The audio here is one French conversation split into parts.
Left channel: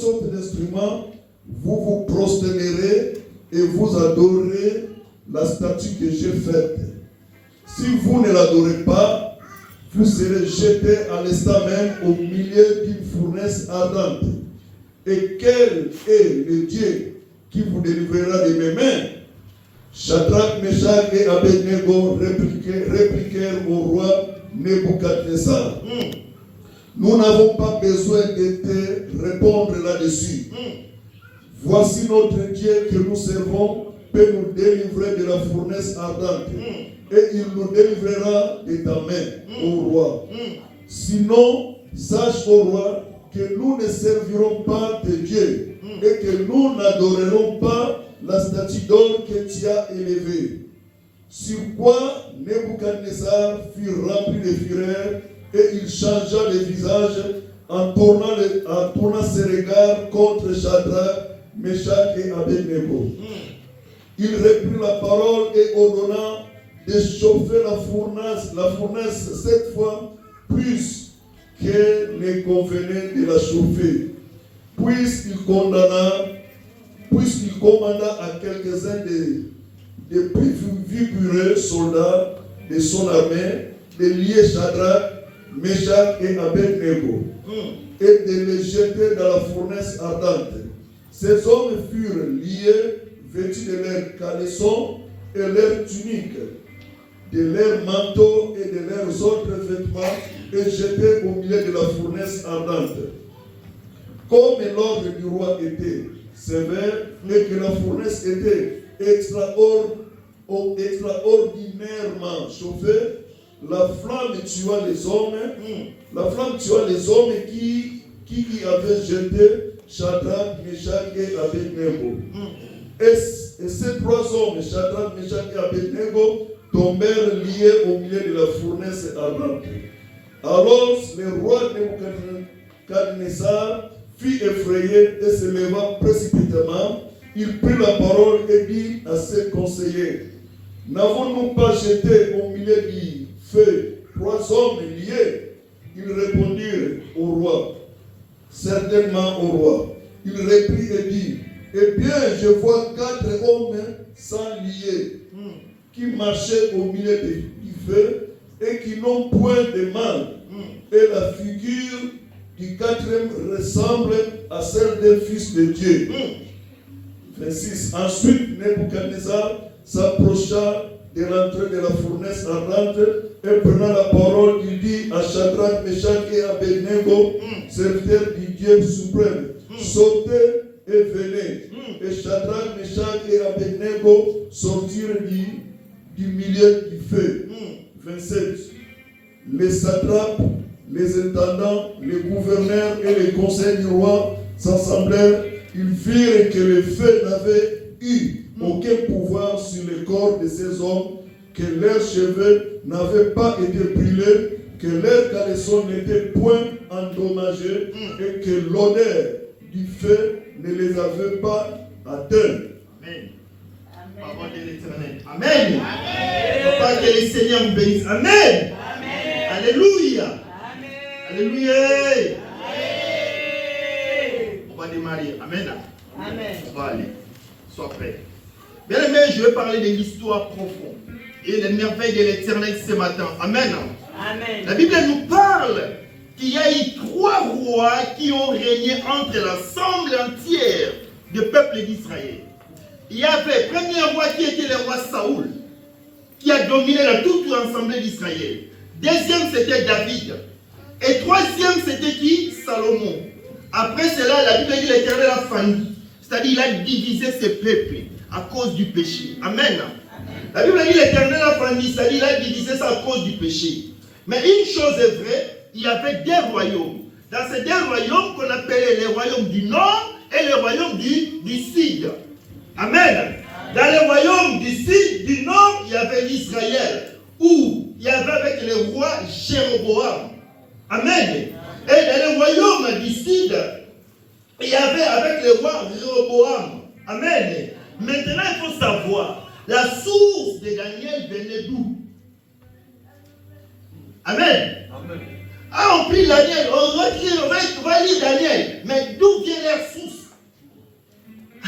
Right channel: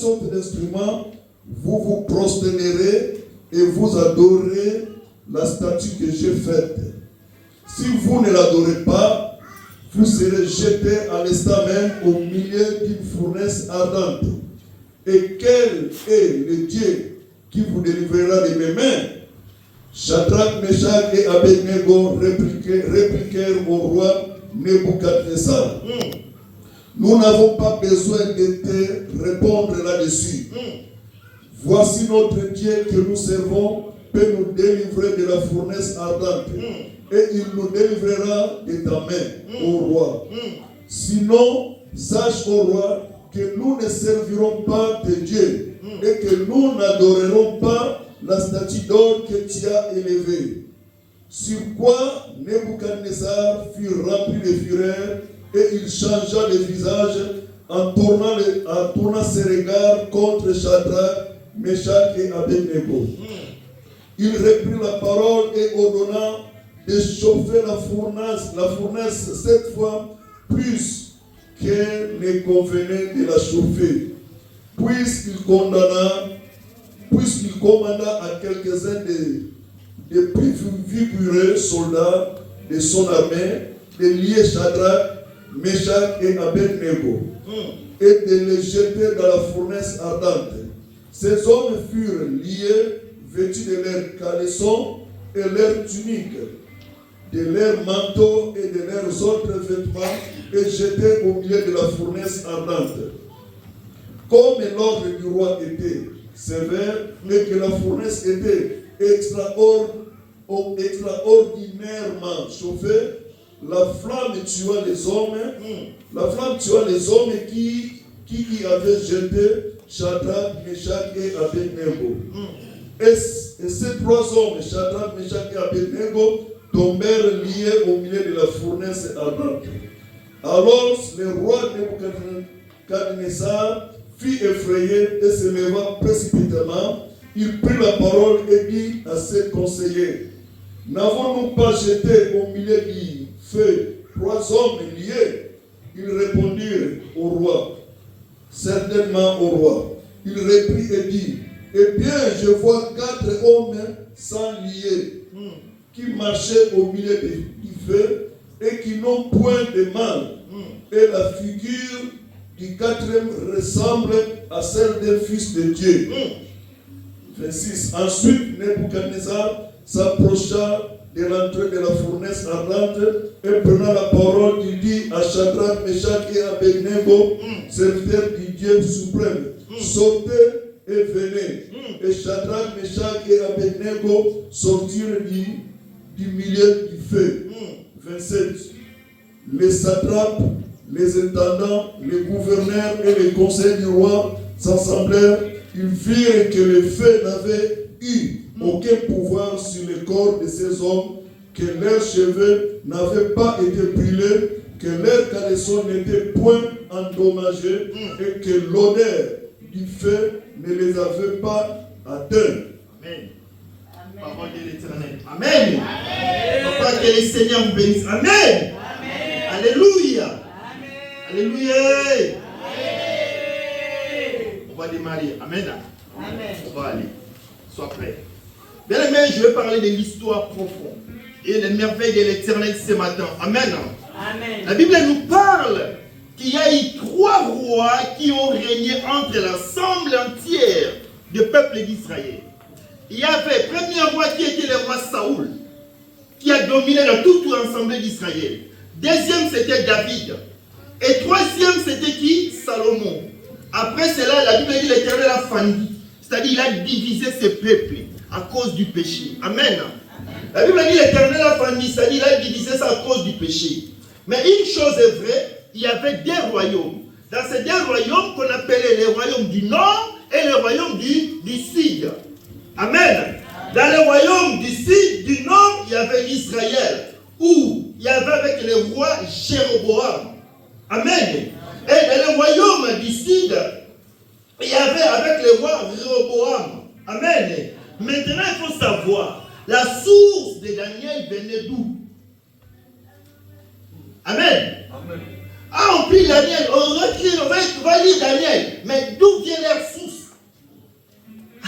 sorte d'instrument, vous vous prosternerez et vous adorez la statue que j'ai faite. Si vous ne l'adorez pas, vous serez jetés à l'instant même au milieu d'une fournaise ardente. Et quel est le Dieu qui vous délivrera de mes mains? Shadrach, Meshach et Abednego répliquèrent au roi Nebuchadnezzar. Nous n'avons pas besoin de te répondre là-dessus. Voici notre Dieu que nous servons peut nous délivrer de la fournaise ardente. Et il nous délivrera de ta main, ô roi. Sinon, sache, ô roi, que nous ne servirons pas tes dieux et que nous n'adorerons pas la statue d'or que tu as élevée. Sur quoi Nebuchadnezzar fut rempli de fureur et il changea le visage en tournant ses regards contre Shadrach, Meshach et Abednego. Il reprit la parole et ordonna de chauffer la fournaise 7 fois plus qu'elle ne convenait de la chauffer. Puisqu'il commanda à quelques-uns des plus vigoureux soldats de son armée de lier Shadrach, Meshach et Abednego et de les jeter dans la fournaise ardente. Ces hommes furent liés, vêtus de leurs caleçons et leurs tuniques, de leurs manteaux et de leurs autres vêtements, et jetés au milieu de la fournaise ardente. Comme l'ordre du roi était sévère et que la fournaise était extraordinairement chauffée, la flamme tua les hommes qui y avaient jeté Shadrach, Meshach et Abednego. Et ces 3 hommes, Shadrach, Meshach et Abednego, tombèrent liés au milieu de la fournaise ardente. Alors le roi Nebuchadnezzar fut effrayé et se leva précipitamment. Il prit la parole et dit à ses conseillers: n'avons-nous pas jeté au milieu du feu 3 hommes liés? Ils répondirent au roi: certainement au roi. Il reprit et dit: eh bien, je vois 4 hommes sans lier, qui marchaient au milieu du feu et qui n'ont point de mal. Et la figure du 4e ressemble à celle d'un fils de Dieu. 26. Ensuite, Nebuchadnezzar s'approcha de l'entrée de la fournaise ardente et prenant la parole, il dit à Shadrach, Meshach et Abednego, serviteurs du Dieu suprême: sortez et venez. Et Shadrach, Meshach et Abednego sortirent du milieu du feu. 27. Les satrapes, les intendants, les gouverneurs et les conseils du roi s'assemblèrent. Ils virent que le feu n'avait eu aucun pouvoir sur le corps de ces hommes, que leurs cheveux n'avaient pas été brûlés, que leurs caleçons n'étaient point endommagés et que l'odeur du feu ne les avait pas atteints. Amen. Parole de l'Éternel. Amen. Papa, que le Seigneur vous bénisse. Amen. Alléluia. Alléluia. On va démarrer. Amen. On va aller. Sois prêt. Bien aimé, je vais parler de l'histoire profonde et les merveilles de l'Éternel ce matin. Amen. La Bible nous parle qu'il y a eu 3 rois qui ont régné entre l'ensemble entière du peuple d'Israël. Il y avait le premier roi qui était le roi Saoul, qui a dominé dans toute l'ensemble d'Israël. Deuxième, c'était David. Et troisième, c'était qui? Salomon. Après cela, la Bible dit que l'Éternel a failli. C'est-à-dire il a divisé ses peuples à cause du péché. Amen. La Bible dit que l'Éternel a failli, c'est-à-dire il a divisé ça à cause du péché. Mais une chose est vraie, il y avait 2 royaumes. Dans ces 2 royaumes qu'on appelait les royaumes du nord et le royaume du sud. Amen. Dans le royaume du sud, du nord, il y avait l'Israël, où il y avait avec le roi Jéroboam. Amen. Et dans le royaume du sud, il y avait avec le roi Jéroboam. Amen. Maintenant, il faut savoir, la source de Daniel venait d'où? Amen. Ah, on peut pris Daniel, on va lire Daniel. Mais d'où vient leur source?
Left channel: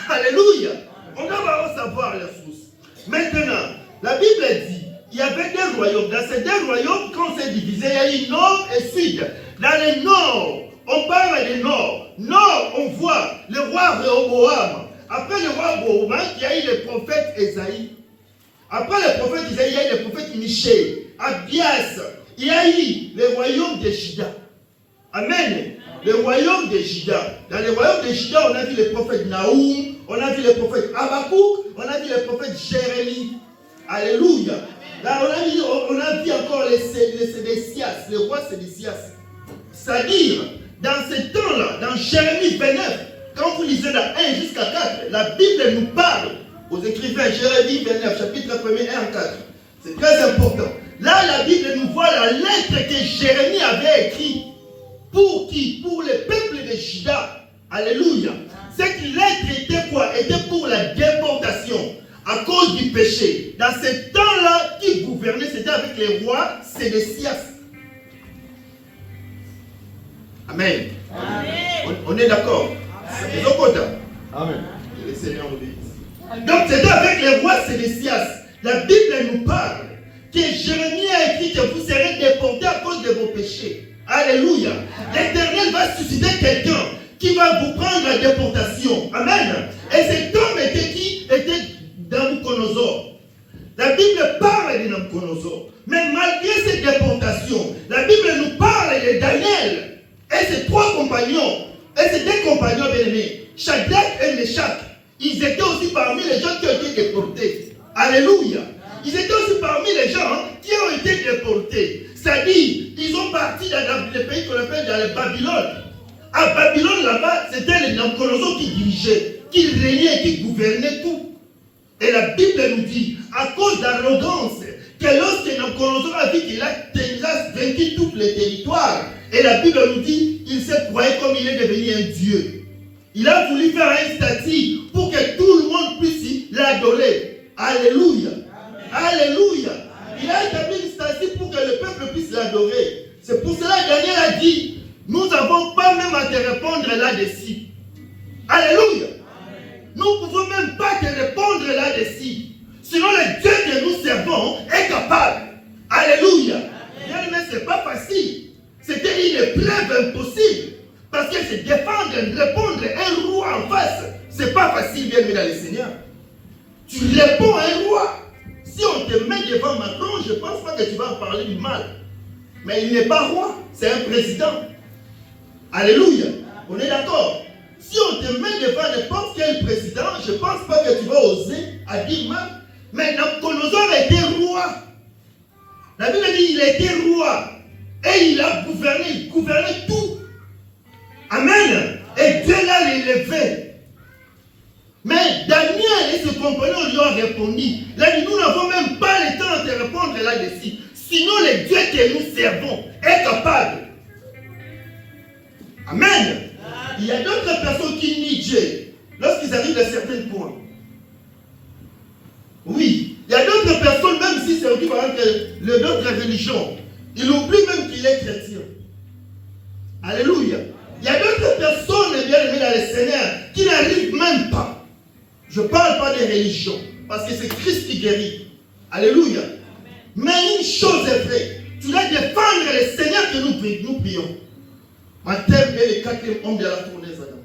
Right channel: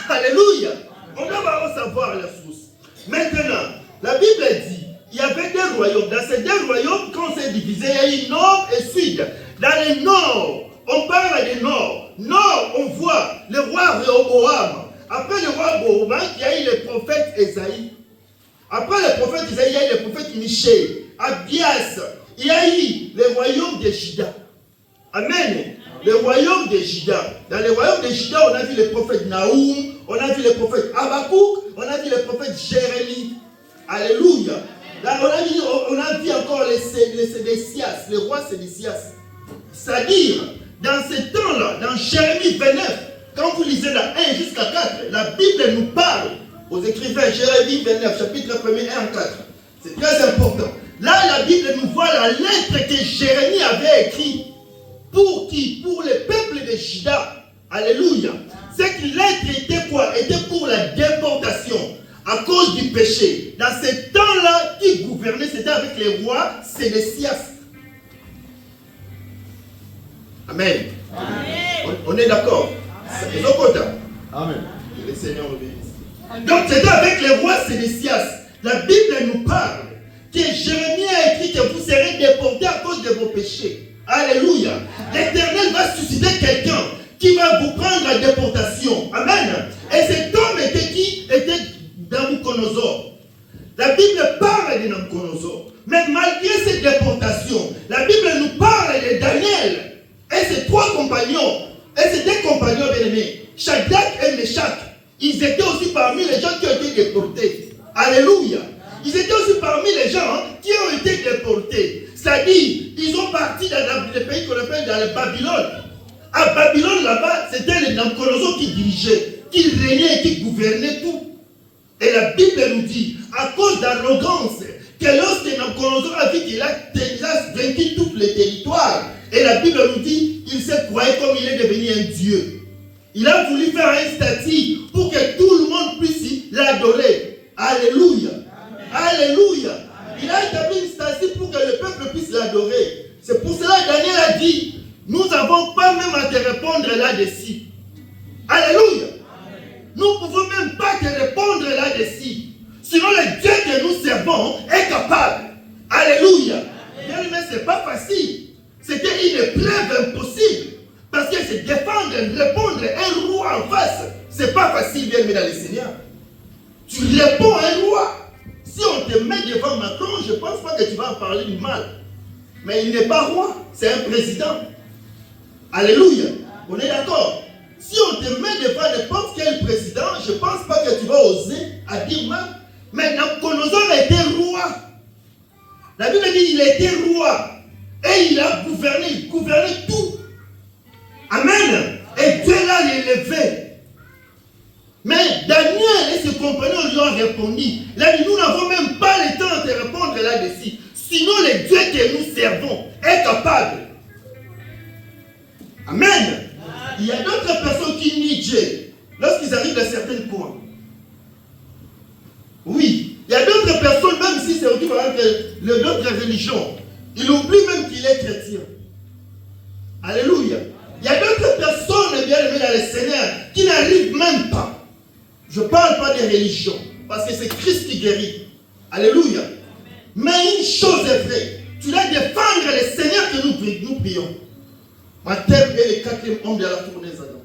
Alléluia. On doit savoir leur source. Maintenant, la Bible dit, il y avait deux royaumes. Dans ces deux royaumes, quand c'est divisé, il y a eu nord et sud. Dans le nord, on parle du nord. Nord, on voit le roi Rehoboam. Après le roi Rehoboam, il y a eu le prophète Esaïe. Après le prophète Esaïe, il y a eu le prophète Michée, Abias. Il y a eu le royaume de Juda. Amen. Le royaume de Juda. Dans le royaume de Juda, on a vu le prophète Naoum, on a vu le prophète Habakkuk, on a vu le prophète Jérémie. Alléluia. Là, on a vu encore les Sédécias, le roi Sédécias. C'est-à-dire, dans ce temps-là, dans Jérémie 29, quand vous lisez la 1 jusqu'à 4, la Bible nous parle aux écrivains, Jérémie 29, chapitre 1er, 1 à 4. C'est très important. Là, la Bible nous voit la lettre que Jérémie avait écrite. Pour qui? Pour le peuple de Juda. Alléluia. Cette lettre était quoi? Était pour la déportation à cause du péché. Dans ce temps-là, qui gouvernait, c'était avec les rois Sédécias. Amen. Amen. On est d'accord? C'est Amen. Que le Seigneur nous bénisse. Donc, c'était avec les rois Sédécias. La Bible nous parle que Jérémie a écrit que vous serez déportés à cause de vos péchés. Alléluia. L'Éternel va susciter quelqu'un qui va vous prendre la déportation. Amen. Et cet homme était qui? Était Nabuchodonosor. La Bible parle de Nabuchodonosor. Mais malgré cette déportation, la Bible nous parle de Daniel et ses trois compagnons. Et ces deux compagnons bien-aimés, Shadrach et Meshach, ils étaient aussi parmi les gens qui ont été déportés. Alléluia. Ils étaient aussi parmi les gens qui ont été déportés. C'est-à-dire, ils ont parti dans le pays qu'on appelle dans le Babylone. À Babylone, là-bas, c'était les Nabuchodonosor qui dirigeaient, qui régnaient, qui gouvernaient tout. Et la Bible nous dit, à cause d'arrogance, que lorsque Nabuchodonosor a vu qu'il a vaincu tous les territoires, et la Bible nous dit, il s'est croyé comme il est devenu un Dieu. Il a voulu faire un statut pour que tout le monde puisse l'adorer. Alléluia. Alléluia. Il a établi une statue pour que le peuple puisse l'adorer. C'est pour cela que Daniel a dit, nous n'avons pas même à te répondre là-dessus. Alléluia. Nous ne pouvons même pas te répondre là-dessus. Sinon le Dieu que nous servons est capable. Alléluia. Bien, mais ce n'est pas facile. C'était une épreuve impossible. Parce que c'est défendre, répondre à un roi en face. Ce n'est pas facile, bien aimé dans le Seigneur. Tu réponds à un roi. Si on te met devant Macron, je ne pense pas que tu vas en parler du mal. Mais il n'est pas roi, c'est un président. Alléluia. On est d'accord. Si on te met devant n'importe quel président, je ne pense pas que tu vas oser à dire mal. Mais Nabuchodonosor a été roi. La Bible dit qu'il a été roi. Et il a gouverné, il gouvernait tout. Amen. Et Dieu l'a élevé. Mais Daniel et ses compagnons lui ont répondu. Là, nous n'avons même pas le temps de répondre là-dessus. Sinon, le Dieu que nous servons est capable. Amen. Il y a d'autres personnes qui nient Dieu lorsqu'ils arrivent à certains points. Oui. Il y a d'autres personnes, même si c'est d'autres religions, ils oublient même qu'il est chrétien. Alléluia. Il y a d'autres personnes, bien aimées dans le Seigneur, qui n'arrivent même pas. Je ne parle pas des religions, parce que c'est Christ qui guérit. Alléluia. Mais une chose est vraie. Tu dois défendre le Seigneur que nous prions. Ma thème est le quatrième homme de la fournaise Adam.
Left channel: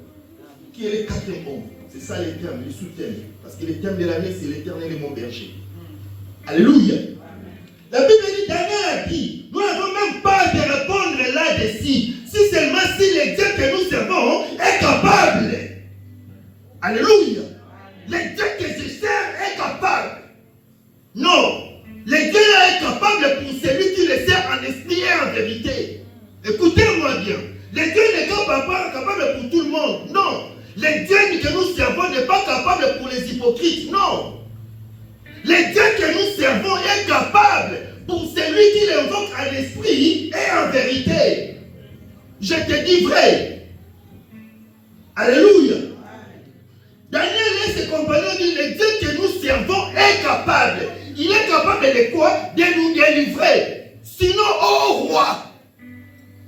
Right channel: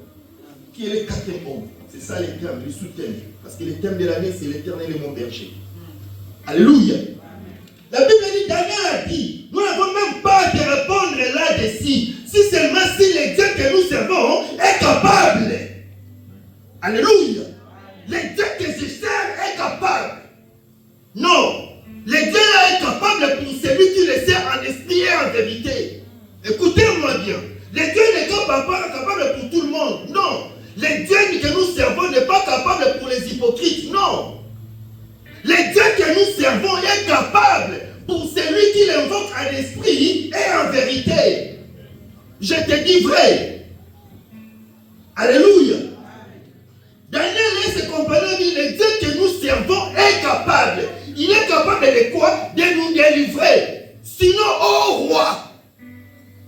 Qui est le quatrième homme? C'est ça le thème, le sous-thème. Parce que le thème de l'année, c'est l'Éternel et mon berger. Alléluia. La Bible dit, Daniel a dit, nous n'avons même pas à te répondre là-dessus. Si seulement si le Dieu que nous servons est capable. Alléluia. Le Dieu que je sers est capable. Non. Le Dieu là est capable pour celui qui le sert en esprit et en vérité. Écoutez-moi bien. Le Dieu n'est pas capable pour tout le monde. Non. Le Dieu que nous servons n'est pas capable pour les hypocrites. Non. Le Dieu que nous servons est capable pour celui qui l'invoque en esprit et en vérité. Je te dis vrai. Alléluia. Daniel et ses compagnons disent, le Dieu que nous servons est capable. Il est capable de quoi? De nous délivrer. Sinon, ô roi,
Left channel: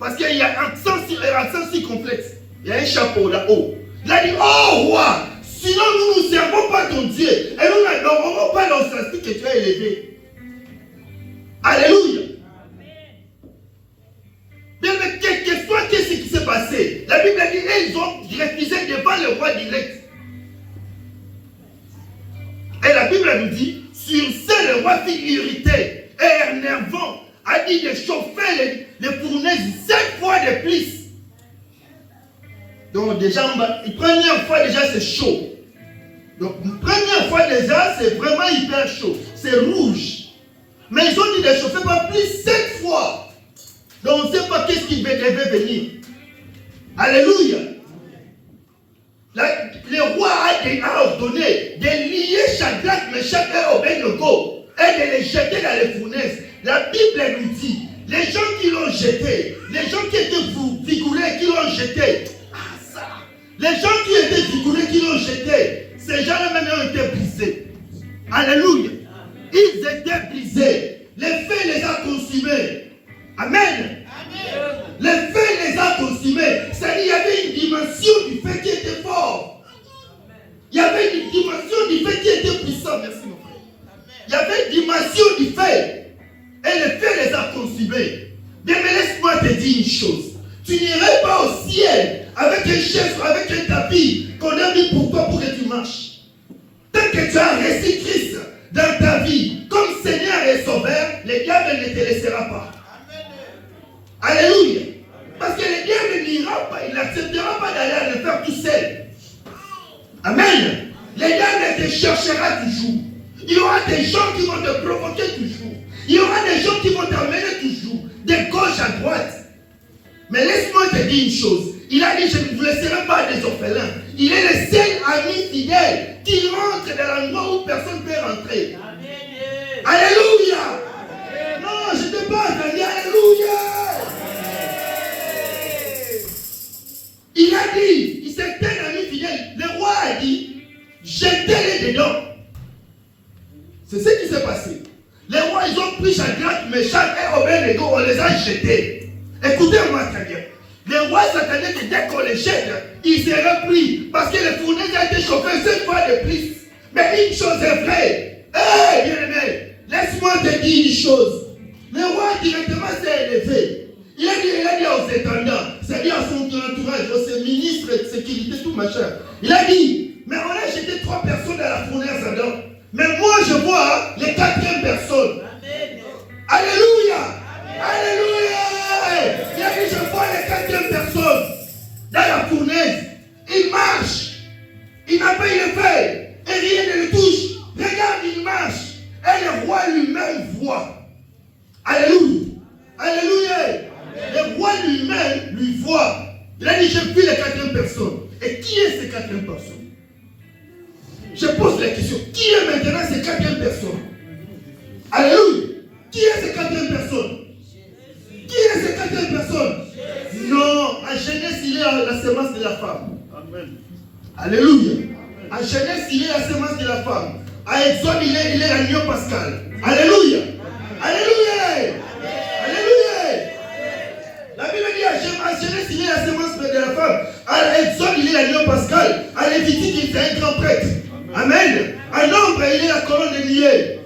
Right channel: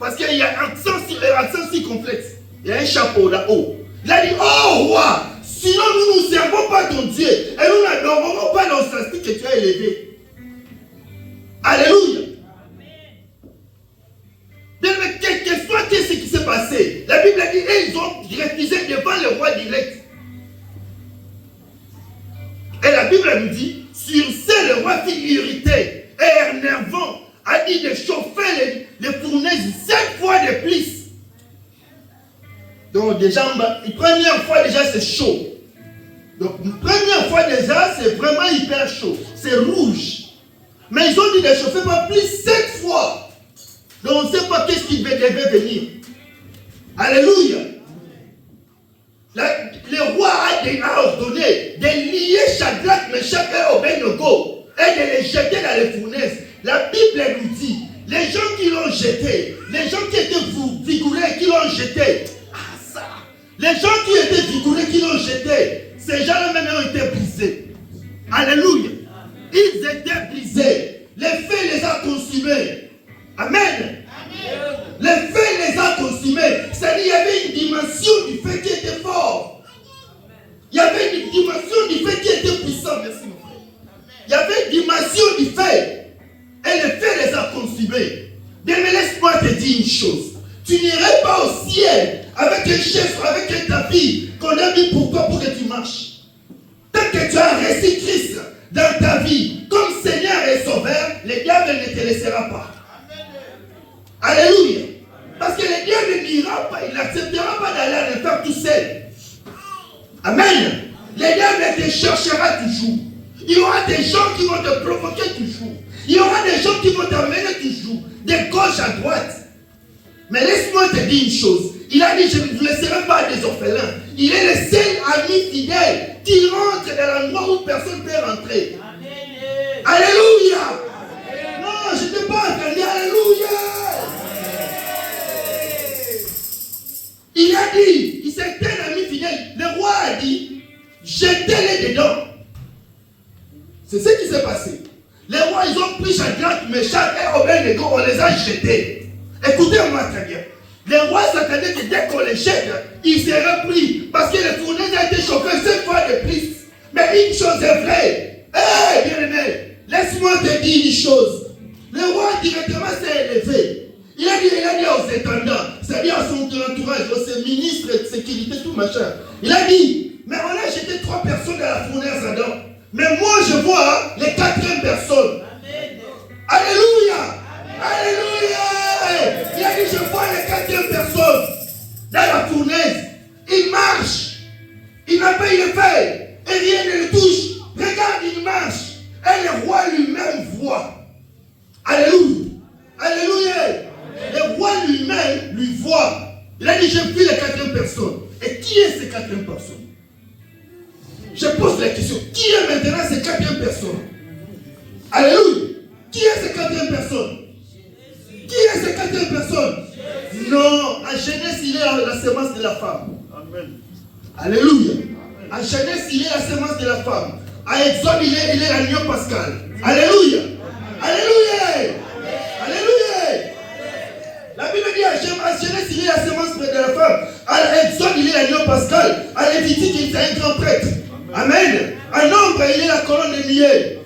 Parce qu'il y a un accent circonflexe. Il y a un chapeau là-haut. Il a dit, oh roi, sinon nous ne servons pas ton Dieu. Et nous n'adorons pas l'ancestral que tu as élevé. Alléluia. Bien, mais quel que soit ce qui s'est passé, la Bible a dit, ils ont refusé devant le roi direct. Et la Bible nous dit, sur ce, le roi fut irrité et énervant, a dit de chauffer les fournaises 7 fois de plus. Donc déjà, une première fois déjà c'est chaud. Donc une première fois déjà c'est vraiment hyper chaud. C'est rouge. Mais ils ont dit de chauffer pas plus 7 fois. Donc on ne sait pas qu'est-ce qui devait venir. Alléluia. Le roi a ordonné de lier Shadrach, Meshach et Abednego et de les jeter dans les fournaises. La Bible nous dit, les gens qui l'ont jeté, les gens qui étaient vigoureux qui l'ont jeté, les gens qui étaient vigoureux qui l'ont jeté, ces gens-là même ont été brisés. Alléluia. Ils étaient brisés. Le feu les a consumés. Amen. Le feu les a consumés. C'est-à-dire qu'il y avait une dimension du feu qui était fort. Il y avait une dimension du feu qui était puissant. Merci mon frère. Il y avait une dimension du feu. Et le feu les a consumés. Bien, mais laisse-moi te dire une chose. Tu n'irais pas au ciel avec un chef, avec un tapis qu'on a mis pour toi pour que tu marches. Tant que tu as reçu Christ dans ta vie comme Seigneur et Sauveur, le diable ne te laissera pas. Alléluia. Parce que le diable n'ira pas, il n'acceptera pas d'aller le faire tout seul. Amen. Le diable te cherchera toujours. Il y aura des gens qui vont te provoquer toujours. Il y aura des gens qui vont t'emmener toujours, de gauche à droite. Mais laisse-moi te dire une chose. Il a dit, je ne vous laisserai pas des orphelins. Il est le seul ami fidèle qui rentre dans l'endroit où personne ne peut rentrer. Amen. Alléluia. Amen. Non, je ne t'ai pas entendu. Alléluia. Amen. Il a dit, c'est un ami fidèle. Le roi a dit, jetez-les dedans. C'est ce qui s'est passé. Les rois, ils ont pris Shadrach, Meshach et Abednego, on les a jetés. Écoutez-moi très bien. Les rois s'attendaient que dès qu'on les jette, ils seraient pris. Parce que les fournaises ont été chauffées 7 fois de plus. Mais une chose est vraie. Hé, bien-aimé, laisse-moi te dire une chose. Le roi directement s'est élevé. Il a dit aux étendants, c'est-à-dire à son entourage, à ses ministres de sécurité, tout machin. Il a dit, mais on a jeté 3 personnes dans la fournaise dedans. Mais moi je vois les 4e personnes. Amen. Alléluia. Amen. Alléluia. Il a dit, je vois les 4e personnes dans la fournaise. Il marche. Il n'a pas eu le feu. Et rien ne le touche. Regarde, il marche. Et le roi lui-même voit. Alléluia. Alléluia. Amen. Le roi lui-même lui voit. Il a dit, j'ai vu les 4e personnes. Et qui est ces 4e personnes? Je pose la question, qui est maintenant ces 4e personnes? Alléluia. Qui est ces 4e personnes? Qui est ces 4e personnes? Non, en Genèse, il est la semence de la femme. Amen. Alléluia. En Genèse, il est la semence de la femme. À Exode, il est l'agneau pascal. Alléluia. Alléluia. Alléluia. La Bible dit à Genèse, il est la semence de la femme. À Exode, il est l'agneau pascal. À Lévitique, il est un grand prêtre. Amen. À Nombre, il est la colonne de nuée.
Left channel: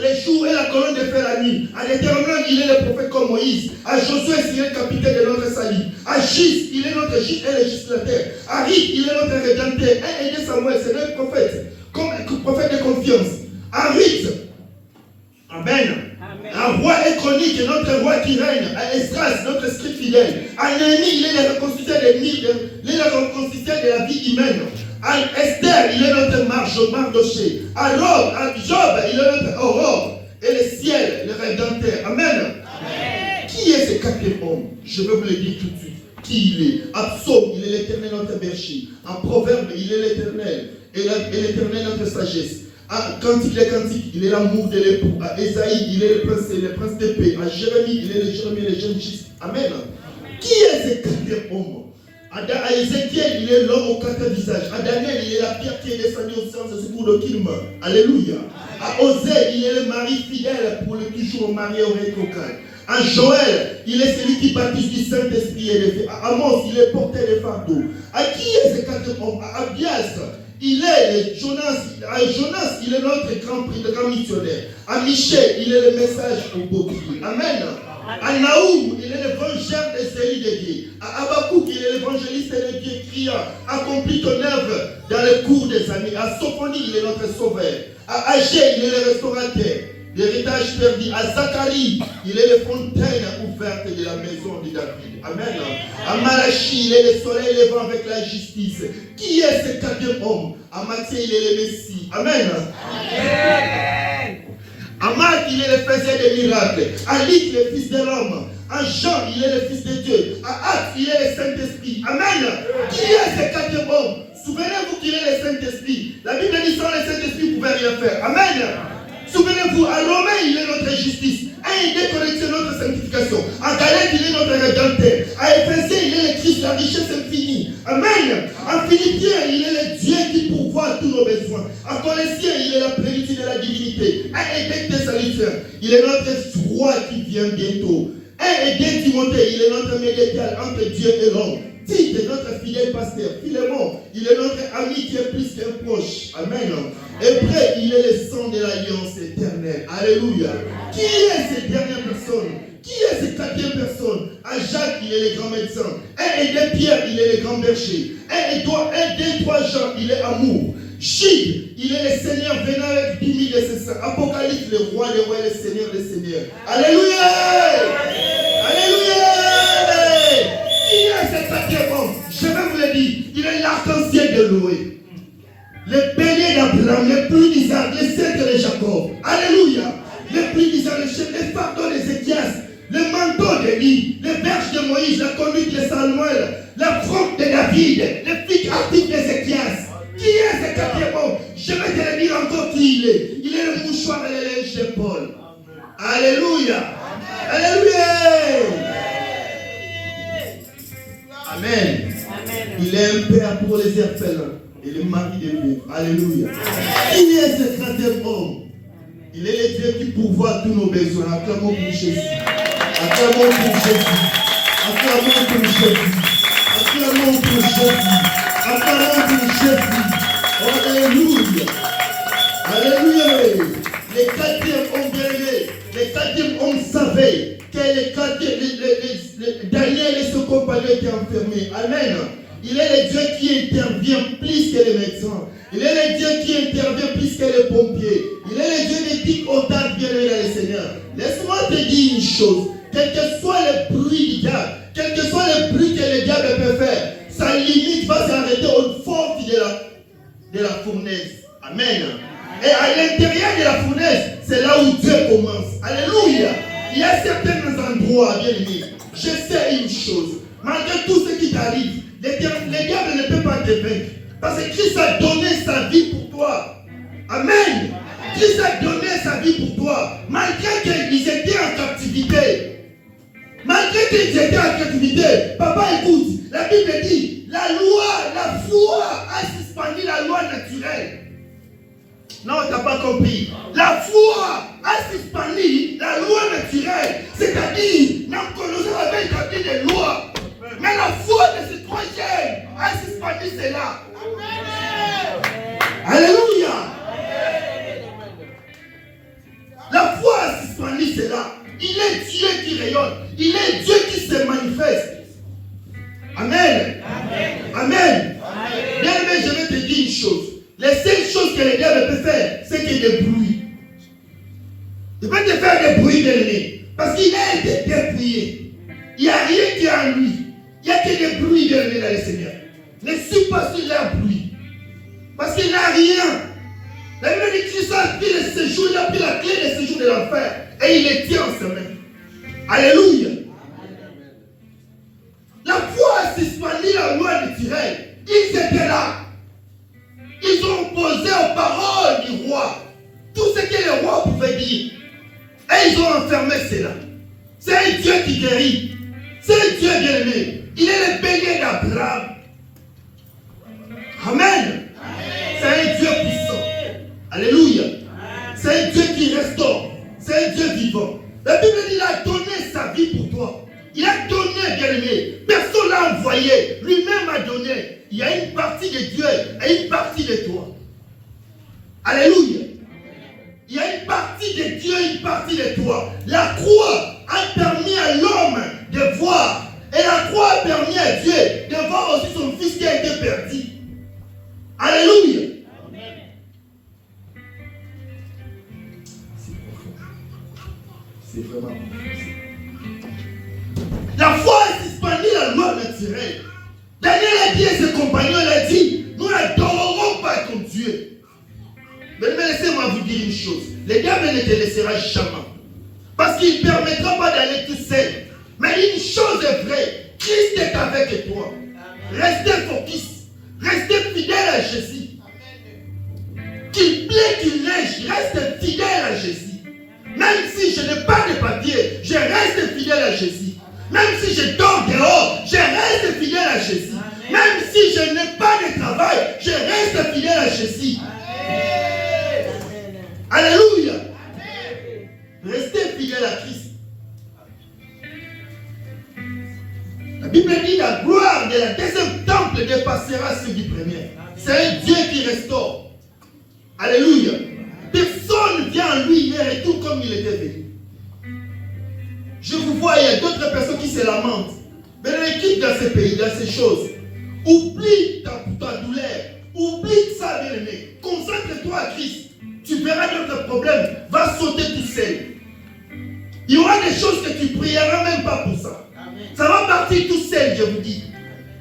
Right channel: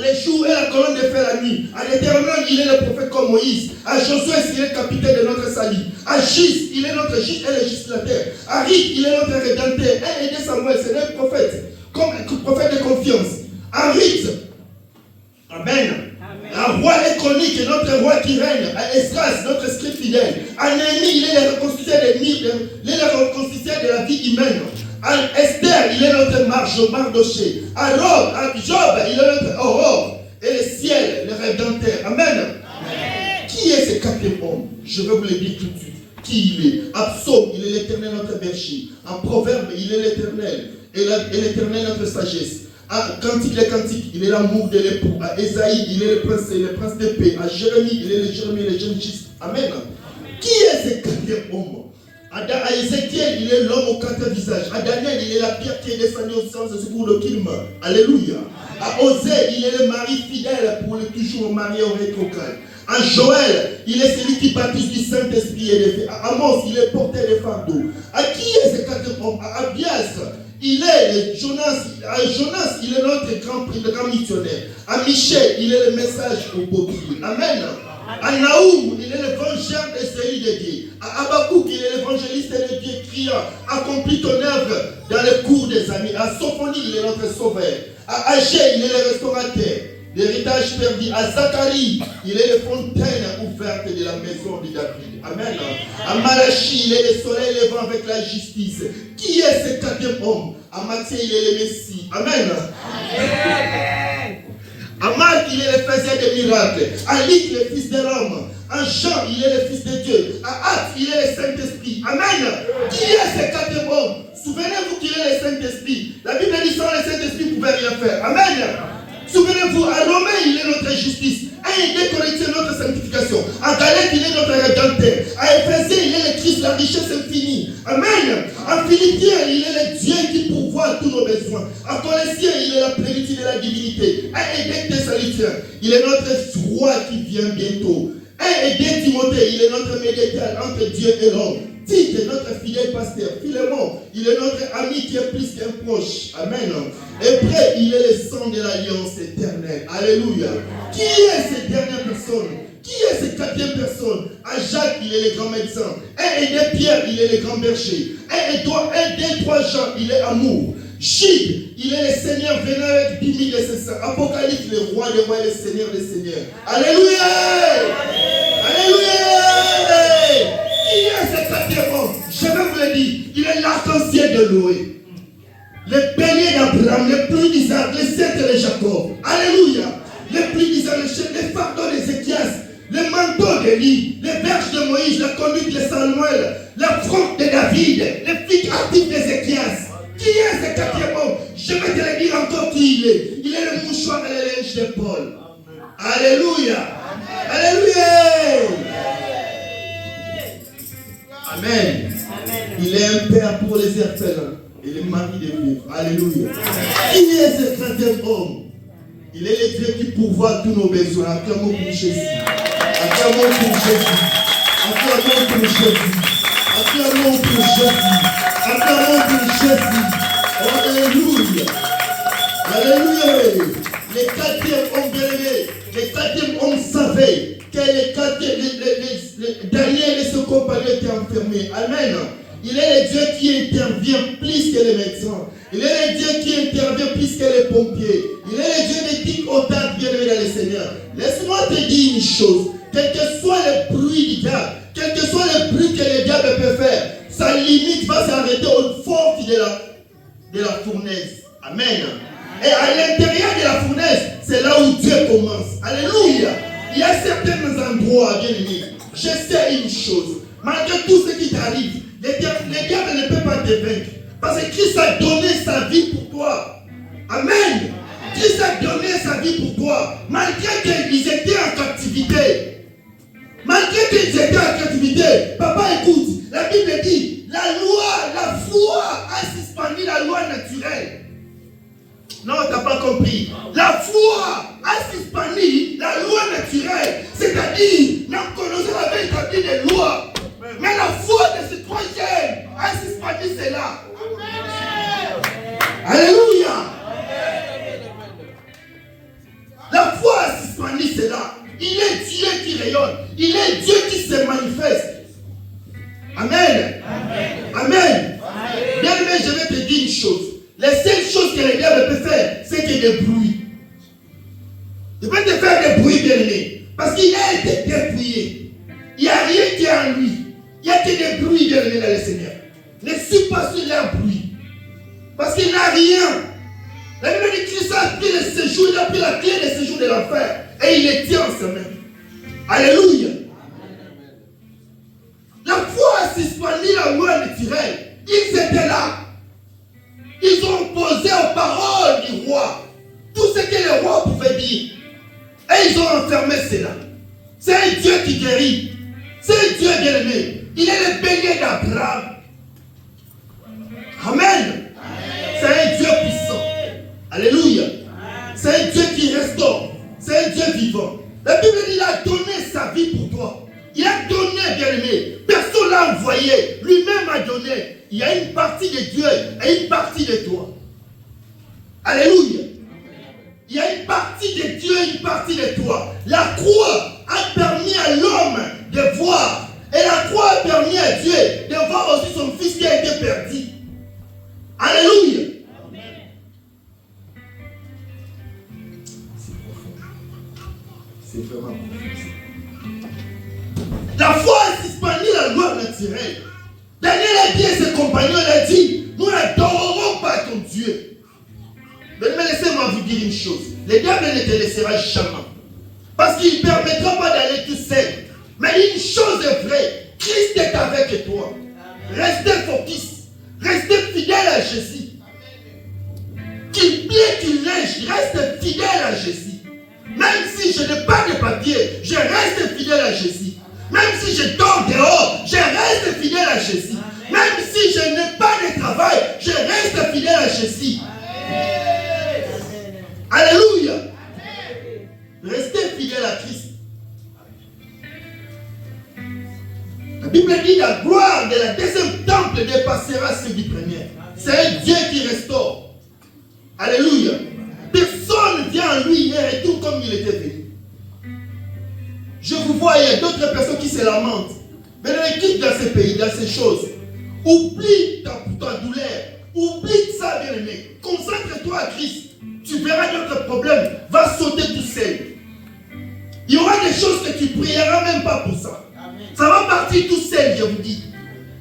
Les jours et la colonne de feu la nuit. À l'Éternel, il est le prophète comme Moïse. À Josué, il est le capitaine de notre salut. À Gis, il est notre Gis et le législateur. À Ric, il est notre rédempteur. Et Samuel, c'est notre prophète. Comme un prophète de confiance. À Ric, Amen. Un roi et chronique, notre roi qui règne. À Esdras, notre scribe fidèle. À Néhémie, il est le reconstituteur de la vie humaine. À Esther, il est notre Mardoché. À Job, il est notre Aurore. Et le ciel, le rédempteur. Amen. Amen. Qui est ce 4e homme? Je vais vous le dire tout de suite. Qui il est? À Psaume, il est l'Éternel notre berger. En Proverbe, il est l'Éternel. Et l'Éternel notre sagesse. À Cantique les Cantiques, il est l'amour de l'époux. À Ésaïe, il est le prince de paix. À Jérémie, il est le Jérémie, le jeune Christ. Amen. Qui est ce 4e homme? À Ézéchiel, il est l'homme au 4 visages. À Daniel, il est la pierre qui est descendue au sang de secours de qui meurt. Alléluia. À Osée, il est le mari fidèle pour le toujours marié au rétrograde. À Joël, il est celui qui baptise du Saint-Esprit et des feux. À Amos, il est porteur des fardeaux. À qui est ce 4 hommes? À Abias, il est Jonas. À Jonas, il est notre grand missionnaire. À Michel, il est le message au bouclier. Amen. À Naoum, il est l'évangile de celui de Dieu. À Habakkuk, il est l'évangéliste de Dieu criant, accomplis ton œuvre dans le cours des années. À Sophonie, il est notre sauveur. À Agé, il est le restaurateur, l'héritage perdu. À Zacharie, il est la fontaine ouverte de la maison de David. Amen. À Malachie, il est le soleil levant avec la justice. Qui est ce 4e homme? À Matthieu, il est le Messie. Amen. Amen. À Marc, il est le faiseur des miracles. À Luc, il est le fils de l'homme. À Jean, il est le fils de Dieu. À Actes, il est le Saint-Esprit. Amen. Qui est ce 4e homme? Souvenez-vous qu'il est le Saint-Esprit. La Bible dit sans le Saint-Esprit, vous ne pouvez rien faire. Amen. Souvenez-vous, à Romain, il est notre justice. À Indé, notre sanctification. À Galate, il est notre rédempteur. À Éphésiens, il est le Christ, la richesse infinie. Amen. À Philippiens, il est le Dieu qui pourvoit tous nos besoins. À Colossiens, il est la plénitude de la divinité. À Édec Thessaloniciens, il est notre roi qui vient bientôt. À Édec Timothée, il est notre médiateur entre Dieu et l'homme. Tite est notre fidèle pasteur. Philémon, il est notre ami qui est plus qu'un proche. Amen. Et près, il est le sang de l'alliance éternelle. Alléluia. Qui est cette dernière personne? Qui est cette 4e personne? À Jacques, il est le grand médecin. Et Pierre, il est le grand berger. Et des 3 Jean, il est amour. Gide, il est le Seigneur venant avec 10 000 de ses saints. Apocalypse, le roi des rois et le Seigneur des seigneurs. Alléluia. Alléluia. Qui est ce 4e homme? Je vais vous le dire. Il est l'arc-en-ciel de Noé. Le bélier d'Abraham, le pluie d'Isaac, le sceptre de Jacob. Alléluia. Le pluie d'Isaac, le fardeau d'Ézéchias, le manteau d'Élie, les berges de Moïse, la conduite de Samuel, la fronte de David, le flic actif d'Ézéchias. Qui est ce 4e homme? Je vais te le dire encore qui il est. Il est le mouchoir et le linge de Paul. Alléluia. Alléluia. Amen. Il est un père pour les orphelins et le mari des veuves. Alléluia. Qui est ce 4e homme? Il est le Dieu qui pourvoit tous nos besoins. Acclamons pour Jésus. Acclamons pour Jésus. Acclamons pour Jésus. Acclamons pour Jésus. Acclamons pour Jésus. Alléluia. Alléluia. Les 4e hommes bien-aimés, les 4e hommes savaient que les 4e, Daniel et son compagnon étaient enfermés. Amen. Il est le Dieu qui intervient plus que les médecins. Il est le Dieu qui intervient plus que les pompiers. Il est le Dieu des pics au tas bien-aimés dans le Seigneur. Laisse-moi te dire une chose. Quel que soit le bruit du diable, quel que soit le bruit que le diable peut faire, sa limite va s'arrêter au fond de la fournaise. Amen. Et à l'intérieur de la fournaise, c'est là où Dieu commence. Alléluia. Il y a certains endroits, bien aimés. Je sais une chose. Malgré tout ce qui t'arrive, le diable ne peut pas te vaincre. Parce que Christ a donné sa vie pour toi. Amen. Christ a donné sa vie pour toi. Malgré qu'ils étaient en captivité. Malgré qu'ils étaient en captivité. Papa, écoute. La Bible dit, la foi a suspendu la loi naturelle. Non, tu n'as pas compris. La foi a suspendu la loi naturelle. C'est-à-dire, Nabucodonosor avait établi des lois. Mais la foi de ce 3e a suspendu cela. Alléluia. La foi a suspendu cela. Il est Dieu qui rayonne. Il est Dieu qui se manifeste. Amen. Amen. Bien aimé, je vais te dire une chose. Les seules choses que le diable peut faire, c'est qu'il y ait des bruits. Il peut te faire des bruits, bien aimé. Parce qu'il a été dépouillé. Il n'y a rien qui est en lui. Il n'y a que des bruits, bien aimé, dans le Seigneur. Ne suis pas sur leur bruit. Parce qu'il n'a rien. La Bible dit que Christ a pris le séjour, il a pris la clé du séjour de l'enfer. Et il les tient en ses mains. Alléluia. La foi a suspendu la loi naturelle. Ils étaient là. Ils ont opposé aux paroles du roi tout ce que le roi pouvait dire. Et ils ont enfermé cela. C'est un Dieu qui guérit. C'est un Dieu bien-aimé. Il est le bélier d'Abraham. Amen. C'est un Dieu puissant. Alléluia. C'est un Dieu qui restaure. C'est un Dieu vivant. La Bible dit qu'il a donné sa vie pour toi. Il a donné, bien-aimé. Personne l'a envoyé. Lui-même a donné. Il y a une partie de Dieu et une partie de toi. Alléluia. Il y a une partie de Dieu et une partie de toi. La croix a permis à l'homme de voir. Et la croix a permis à Dieu de voir aussi son fils qui a été perdu. Alléluia. C'est vraiment profond. La foi a suspendu la loi naturelle. Daniel a dit à ses compagnons, il a dit, nous n'adorerons pas ton Dieu. Mais laissez-moi vous dire une chose. Le diable ne te laissera jamais. Parce qu'il ne permettra pas d'aller tout seul. Mais une chose est vraie. Christ est avec toi. Restez focus. Restez fidèle à Jésus. Qu'il plaît, qu'il neige, reste fidèle à Jésus. Même si je n'ai pas de papier, je reste fidèle à Jésus. Même si je dors dehors, je reste fidèle à Jésus. Même si je n'ai pas de travail, je reste fidèle à Jésus. Alléluia. Restez fidèle à Christ. La Bible dit la gloire de la deuxième temple dépassera ceux du premier. C'est un Dieu qui restaure. Alléluia. Personne vient en lui et retourne comme il était venu. Je vous vois, il y a d'autres personnes qui se lamentent. Mais quitte dans ces pays, dans ces choses. Oublie ta douleur. Oublie ça, bien-aimé. Concentre-toi à Christ. Tu verras notre problème va sauter tout seul. Il y aura des choses que tu ne prieras même pas pour ça. Amen. Ça va partir tout seul, je vous dis.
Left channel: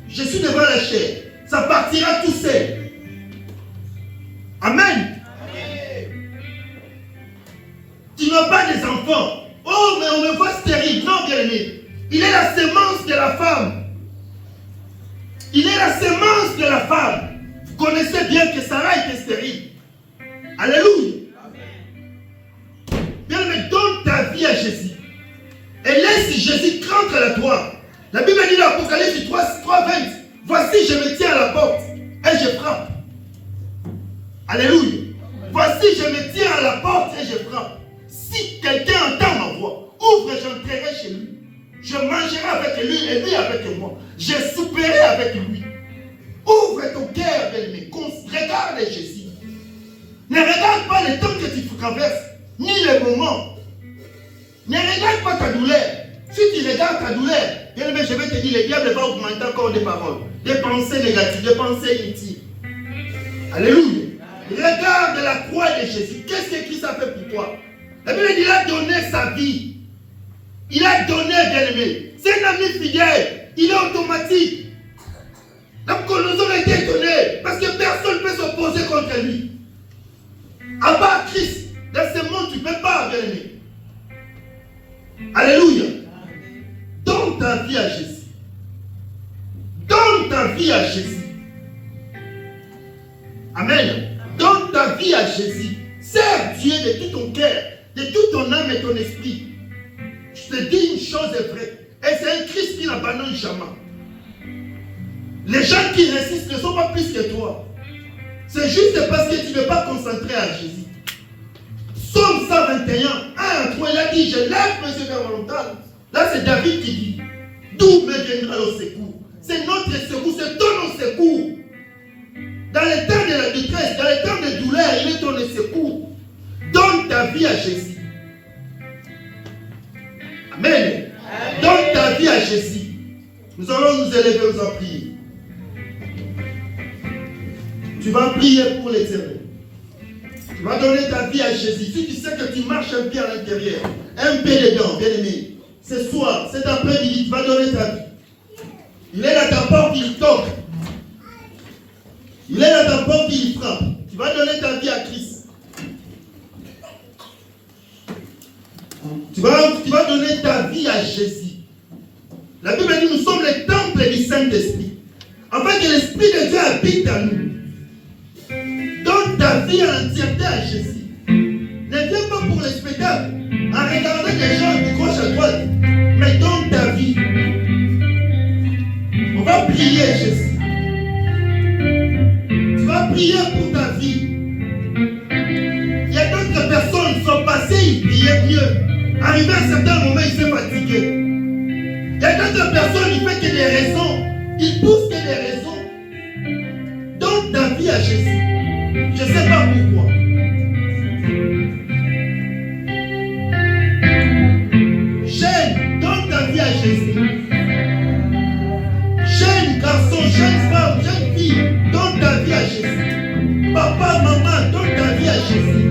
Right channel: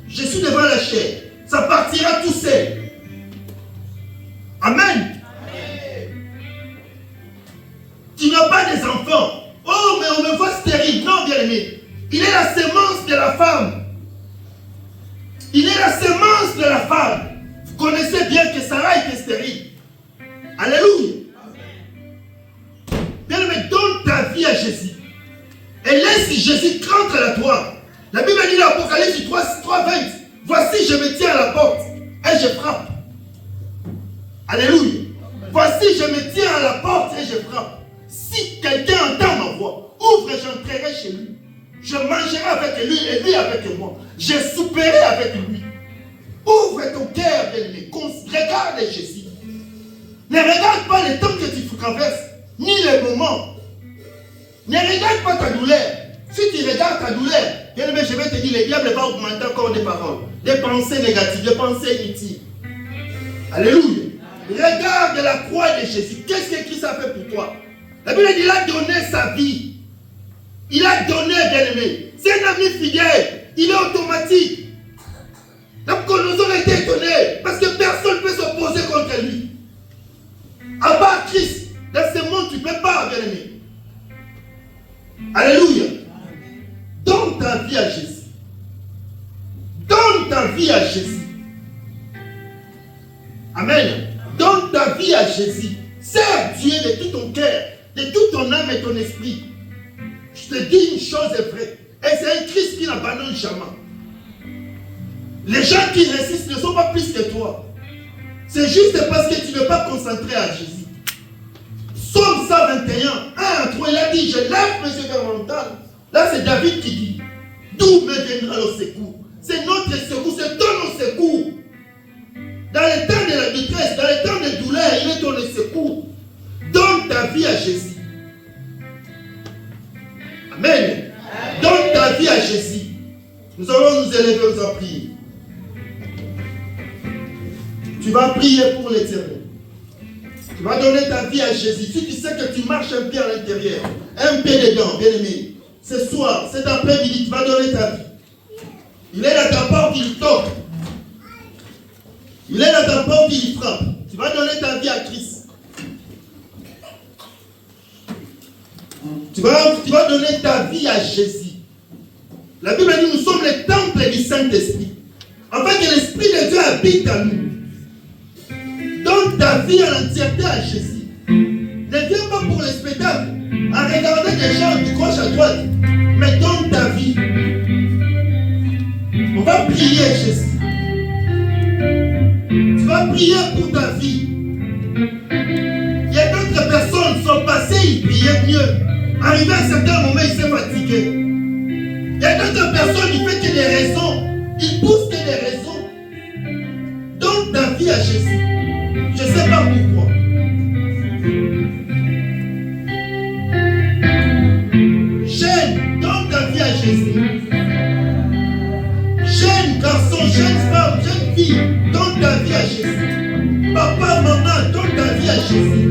Je suis devant la chair. Ça partira tout seul. Amen. Tu n'as pas des enfants. Oh, mais on me voit stérile. Non, bien-aimé. Il est la sémence de la femme. Il est la sémence de la femme. Vous connaissez bien que Sarah était stérile. Alléluia. Bien-aimé, donne ta vie à Jésus. Et laisse Jésus rentrer à toi. La Bible dit dans l'Apocalypse 3:20. Voici, je me tiens à la porte et je frappe. Alléluia. Voici, je me tiens à la porte et je frappe. Si quelqu'un entend ma voix, ouvre et j'entrerai chez lui. Je mangerai avec lui et lui avec moi. Je souperai avec lui. Ouvre ton cœur, bien-aimé. Regarde Jésus. Ne regarde pas le temps que tu traverses, ni les moments. Ne regarde pas ta douleur. Si tu regardes ta douleur, bien-aimé, je vais te dire, le diable va augmenter encore des paroles, des pensées négatives, des pensées inutiles. Alléluia. Regarde la croix de Jésus. Qu'est-ce que Christ a fait pour toi? La Bible dit, il a donné sa vie. Il a donné, bien-aimé. C'est un ami fidèle. Il est automatique. Donc, nous avons été étonnés parce que personne ne peut s'opposer contre lui. À part Christ, dans ce monde, tu ne peux pas, bien-aimé. Alléluia. Donne ta vie à Jésus. Donne ta vie à Jésus. Amen. Donne ta vie à Jésus. Sers Dieu de tout ton cœur, de toute ton âme et ton esprit. Je te dis une chose est vraie. Et c'est un Christ qui n'abandonne jamais. Les gens qui résistent ne sont pas plus que toi. C'est juste parce que tu n'es pas concentré à Jésus. Psaume 121, 1-3, il a dit, je lève mes yeux vers mon montagne. Là, c'est David qui dit, d'où me viendra le secours? C'est notre secours, c'est ton secours. Dans les temps de la détresse, dans les temps de douleur, il est ton secours. Donne ta vie à Jésus. Amen. Donne ta vie à Jésus. Nous allons nous élever aux prières. Tu vas prier pour l'éternel. Tu vas donner ta vie à Jésus. Si tu sais que tu marches un pied à l'intérieur, un pied dedans, bien aimé, ce soir, cet après-midi, tu vas donner ta vie. Il est dans ta porte, il toque. Il est dans ta porte, il frappe. Tu vas donner ta vie à Christ. Tu vas donner ta vie à Jésus. La Bible dit, nous sommes les temples du Saint-Esprit. En fait, l'Esprit de Dieu habite en nous. Donne ta vie à l'entièreté à Jésus. Ne viens pas pour le spectacle en regardant des gens de gauche à droite. Mais donne ta vie. On va prier Jésus. arrivé à un certain moment, il s'est fatigué. Il y a d'autres personnes, il fait que des raisons. Il pousse que des raisons. Donne ta vie à Jésus. Je ne sais pas pourquoi. Jeune, donne ta vie à Jésus. Jeune garçon, jeune femme, jeune fille, donne ta vie à Jésus. Papa, maman, donne ta vie à Jésus.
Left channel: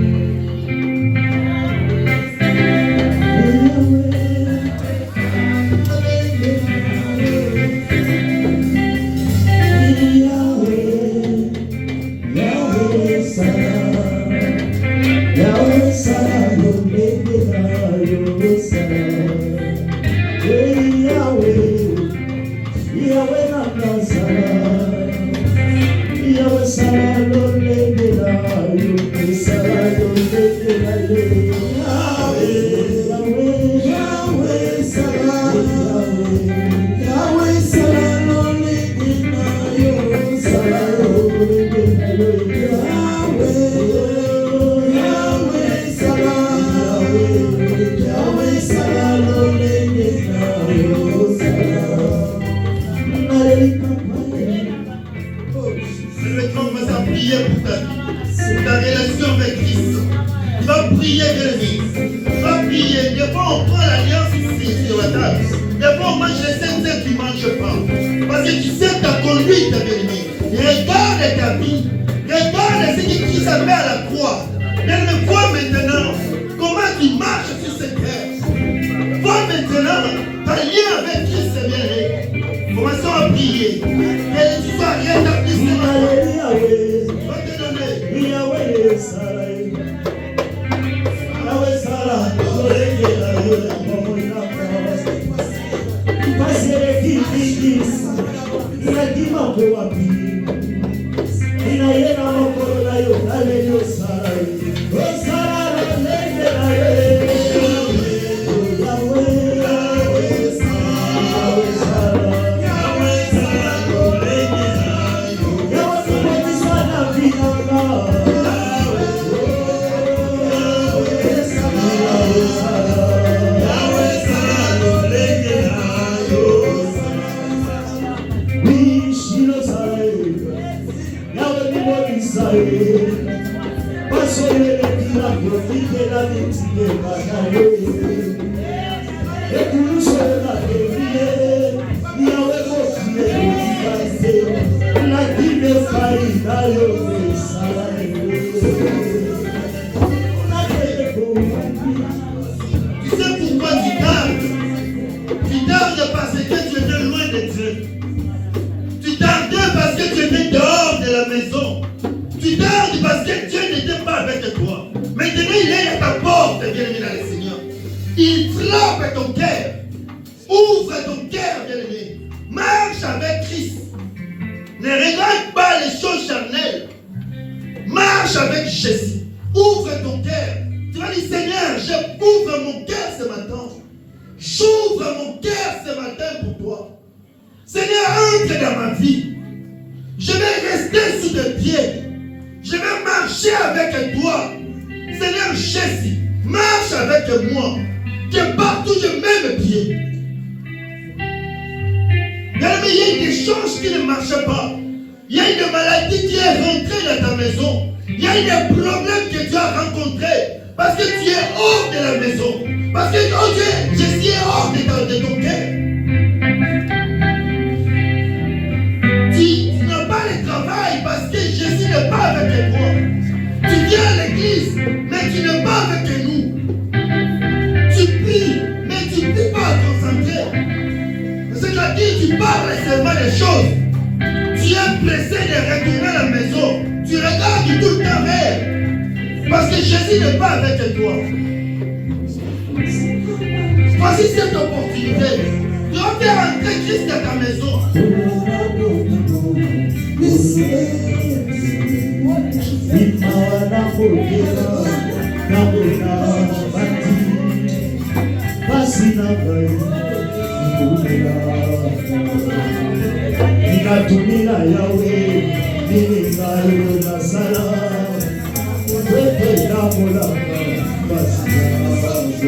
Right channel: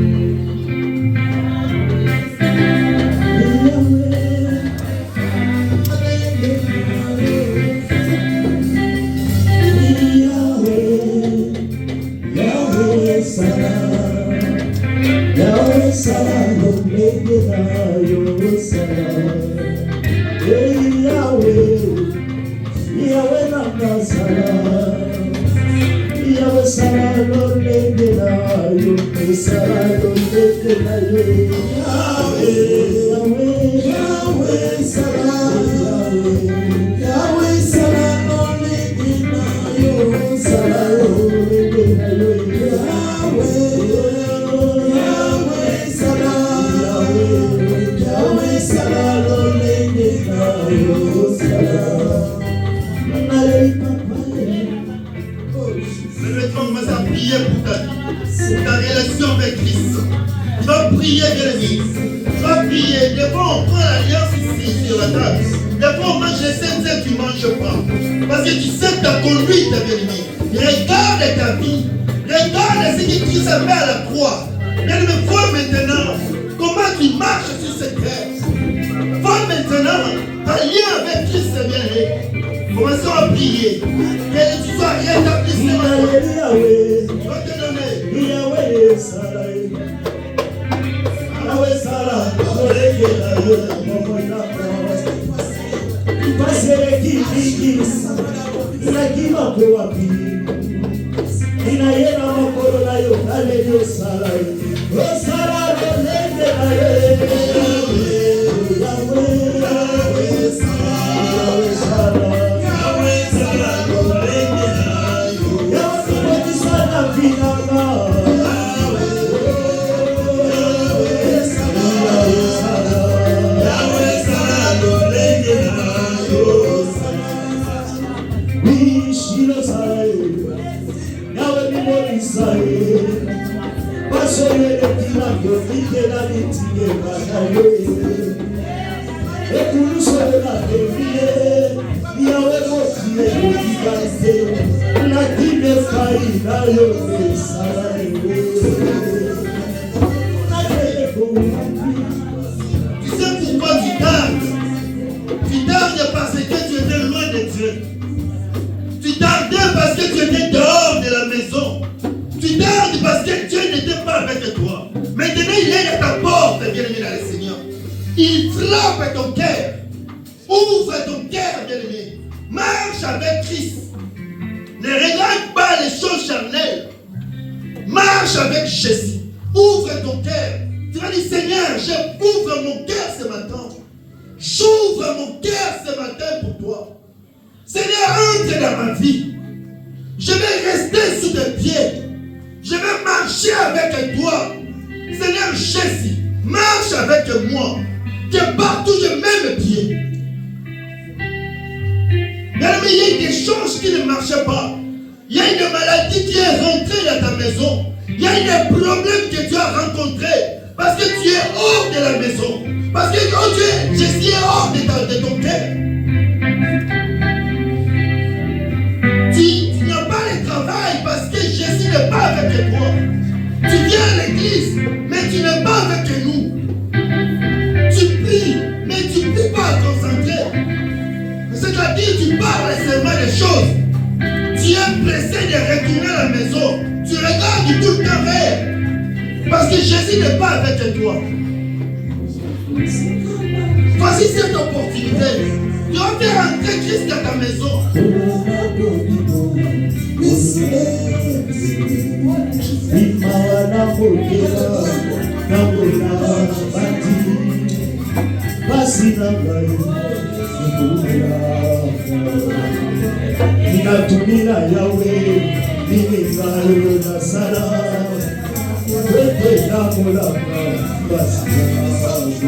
Thank you.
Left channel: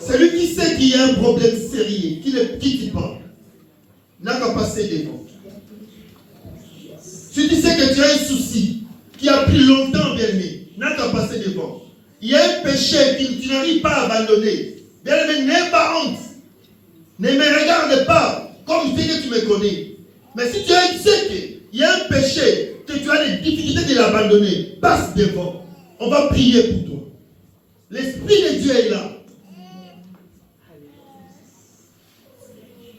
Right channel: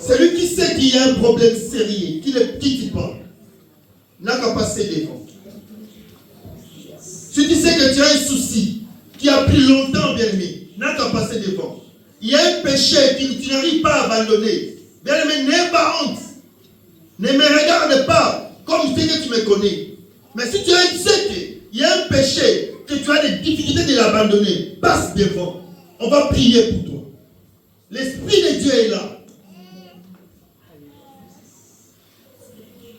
Celui qui sait qu'il y a un problème sérieux, qui ne quitte pas, n'a qu'à passer devant. Si tu sais que tu as un souci qui a pris longtemps, bien-aimé, n'a qu'à passer devant. Il y a un péché que tu n'arrives pas à abandonner. Bien-aimé, n'aie pas honte. Ne me regarde pas comme tu sais que tu me connais. Mais si tu sais qu'il y a un péché, que tu as des difficultés de l'abandonner, passe devant. On va prier pour toi. L'Esprit de Dieu est là.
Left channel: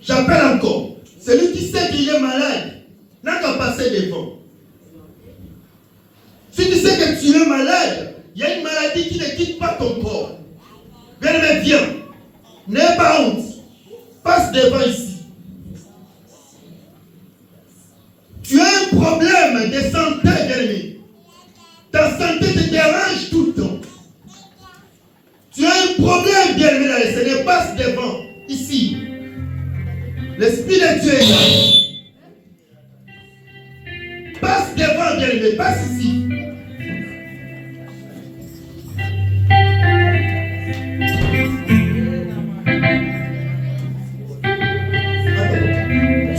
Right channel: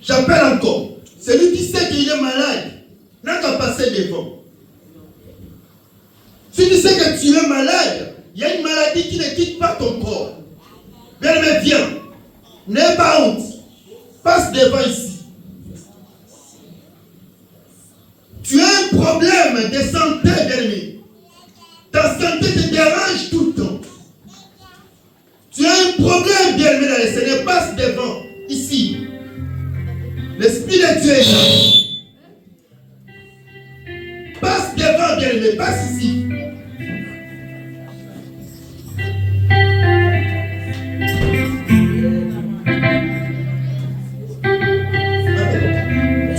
J'appelle encore. Celui qui sait qu'il est malade n'a qu'à passer devant. Si tu sais que tu es malade, il y a une maladie qui ne quitte pas ton corps. Bien-aimé, viens. N'aie pas honte. Passe devant ici. Tu as un problème de santé, bien-aimé. Ta santé te dérange tout le temps. Tu as un problème, bien-aimé, dans le Seigneur. Passe devant ici. L'Esprit de Dieu est là. Passe devant, bien-aimé, passe ici.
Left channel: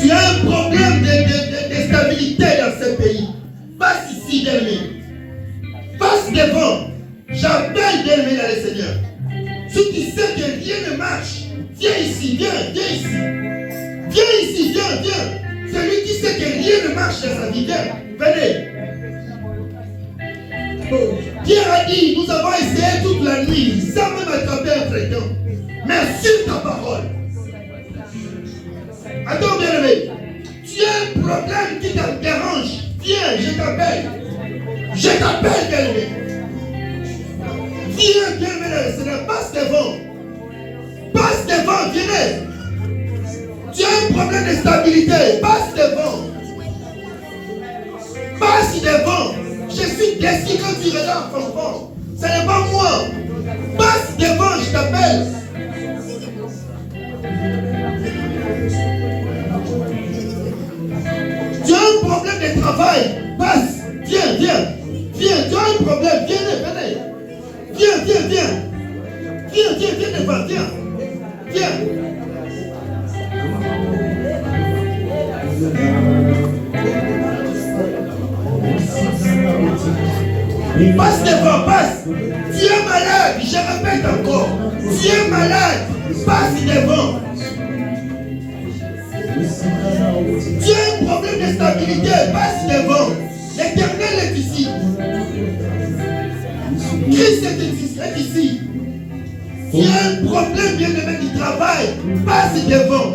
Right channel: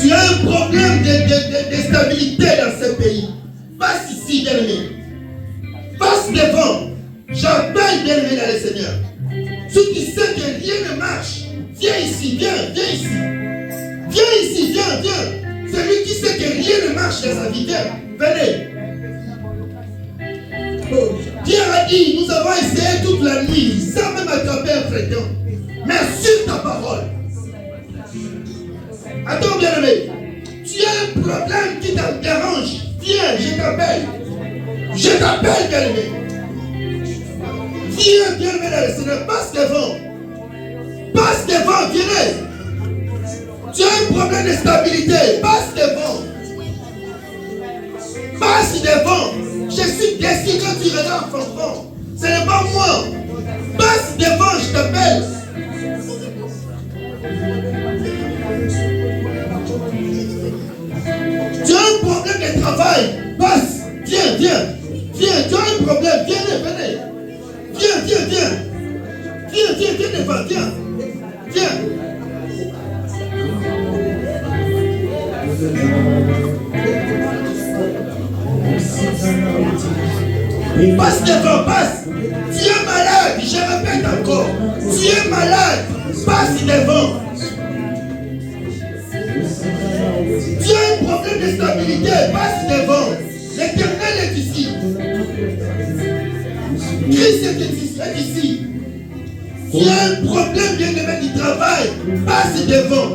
Tu as un problème de stabilité dans ce pays. Passe ici, bien-aimé. Passe devant. J'appelle, bien-aimé, dans le Seigneur. Si tu sais que rien ne marche, viens ici, viens ici. Viens ici, viens. Celui qui sait que rien ne marche dans sa vie, venez. Dieu a dit, nous avons essayé toute la nuit, sans même attraper un fréquent. Mais sur ta parole. Attends, bien-aimé. Tu as un problème qui te dérange. Viens, je t'appelle. Je t'appelle, bien-aimé. Viens, bien-aimé dans le Seigneur. Passe devant. Passe devant, viens. Tu as un problème de stabilité. Passe devant. Passe devant. Je suis déçu quand tu regardes enfant. Ce n'est pas moi. Passe devant, je t'appelle. Tu as un problème de travail. Passe. Viens. Tu as un problème. Venez. Viens devant. Viens. Passe devant, passe. Tu es malade, je répète encore. Tu es malade, passe devant. Tu as un problème de stabilité, passe devant. L'Éternel est ici. Christ est ici. Tu as un problème bien-aimé du travail, passe devant.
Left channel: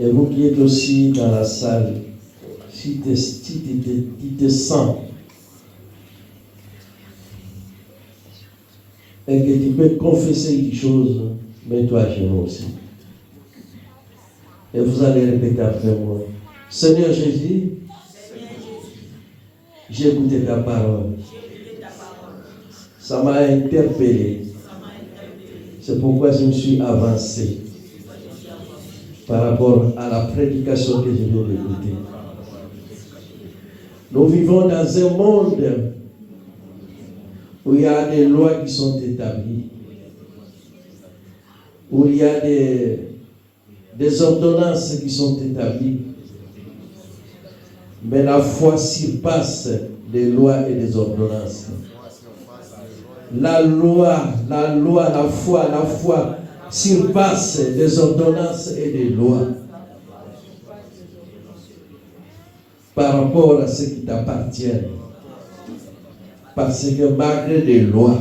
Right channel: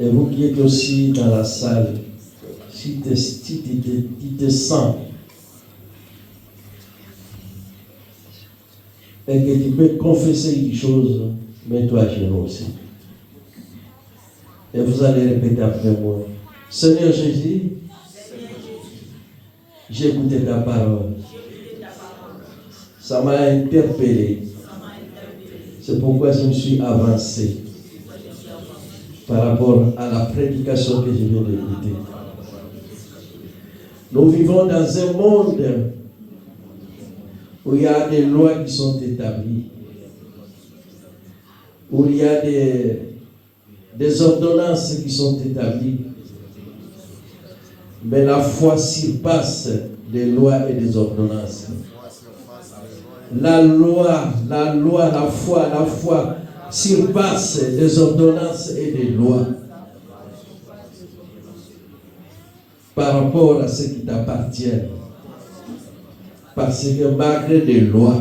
Et vous qui êtes aussi dans la salle, si tu te sens et que tu peux confesser quelque chose, mets-toi à genoux aussi. Et vous allez répéter après moi. Seigneur Jésus, j'ai écouté ta parole. Ça m'a interpellé. C'est pourquoi je me suis avancé par rapport à la prédication que je viens d'écouter. Nous vivons dans un monde où il y a des lois qui sont établies, où il y a des ordonnances qui sont établies. Mais la foi surpasse des lois et des ordonnances. La foi surpasse des ordonnances et des lois par rapport à ce qui t'appartient. Parce que malgré des lois,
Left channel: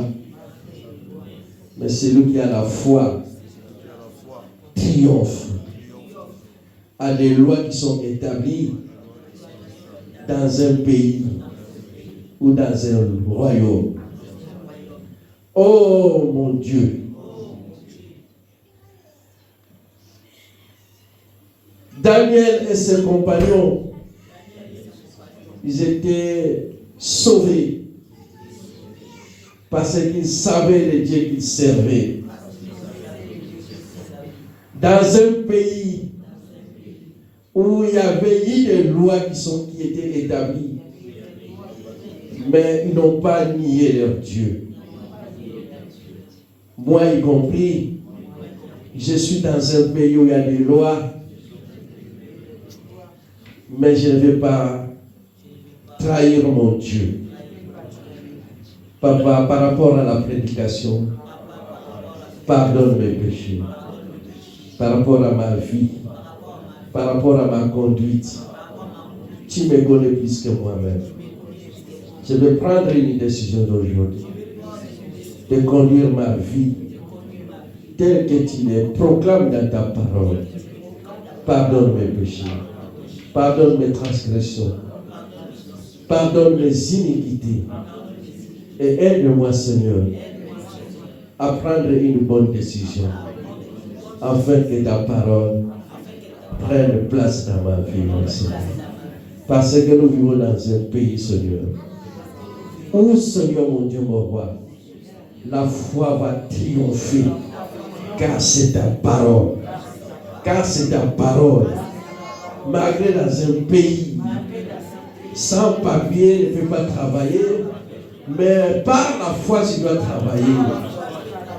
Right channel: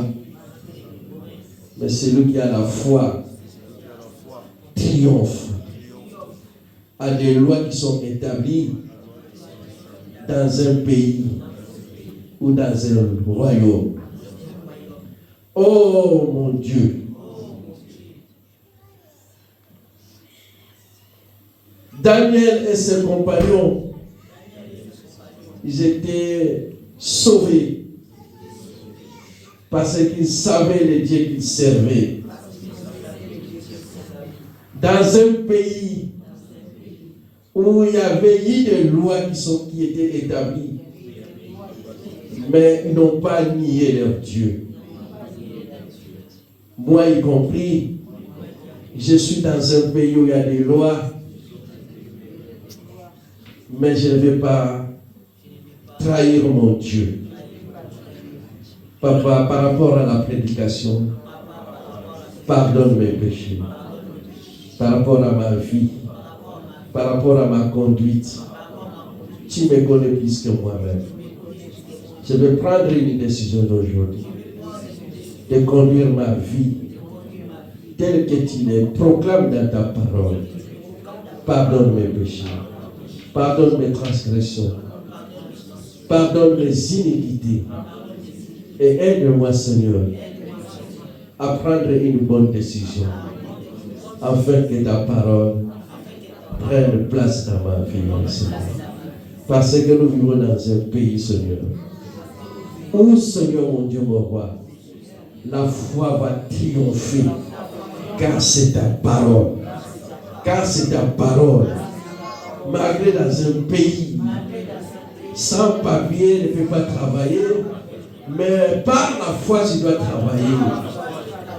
mais celui qui a la foi triomphe à des lois qui sont établies dans un pays ou dans un royaume. Oh mon Dieu, Daniel et ses compagnons, ils étaient sauvés parce qu'ils savaient le Dieu qu'ils servaient. Dans un pays où il y avait eu des lois qui étaient établies, mais ils n'ont pas nié leur Dieu. Moi y compris, je suis dans un pays où il y a des lois, mais je ne vais pas trahir mon Dieu. Papa, par rapport à la prédication, pardonne mes péchés. Par rapport à ma vie, par rapport à ma conduite, tu me connais plus que moi-même. Je vais prendre une décision aujourd'hui de conduire ma vie telle que tu les proclames dans ta parole. Pardonne mes péchés, pardonne mes transgressions, pardonne mes iniquités et aide-moi, Seigneur, à prendre une bonne décision afin que ta parole prenne place dans ma vie, Seigneur. Parce que nous vivons dans un pays, Seigneur, où, Seigneur mon Dieu, mon roi, la foi va triompher, car c'est ta parole. Car c'est ta parole. Malgré dans un pays sans papier, ne peut pas travailler, mais par la foi, tu dois travailler.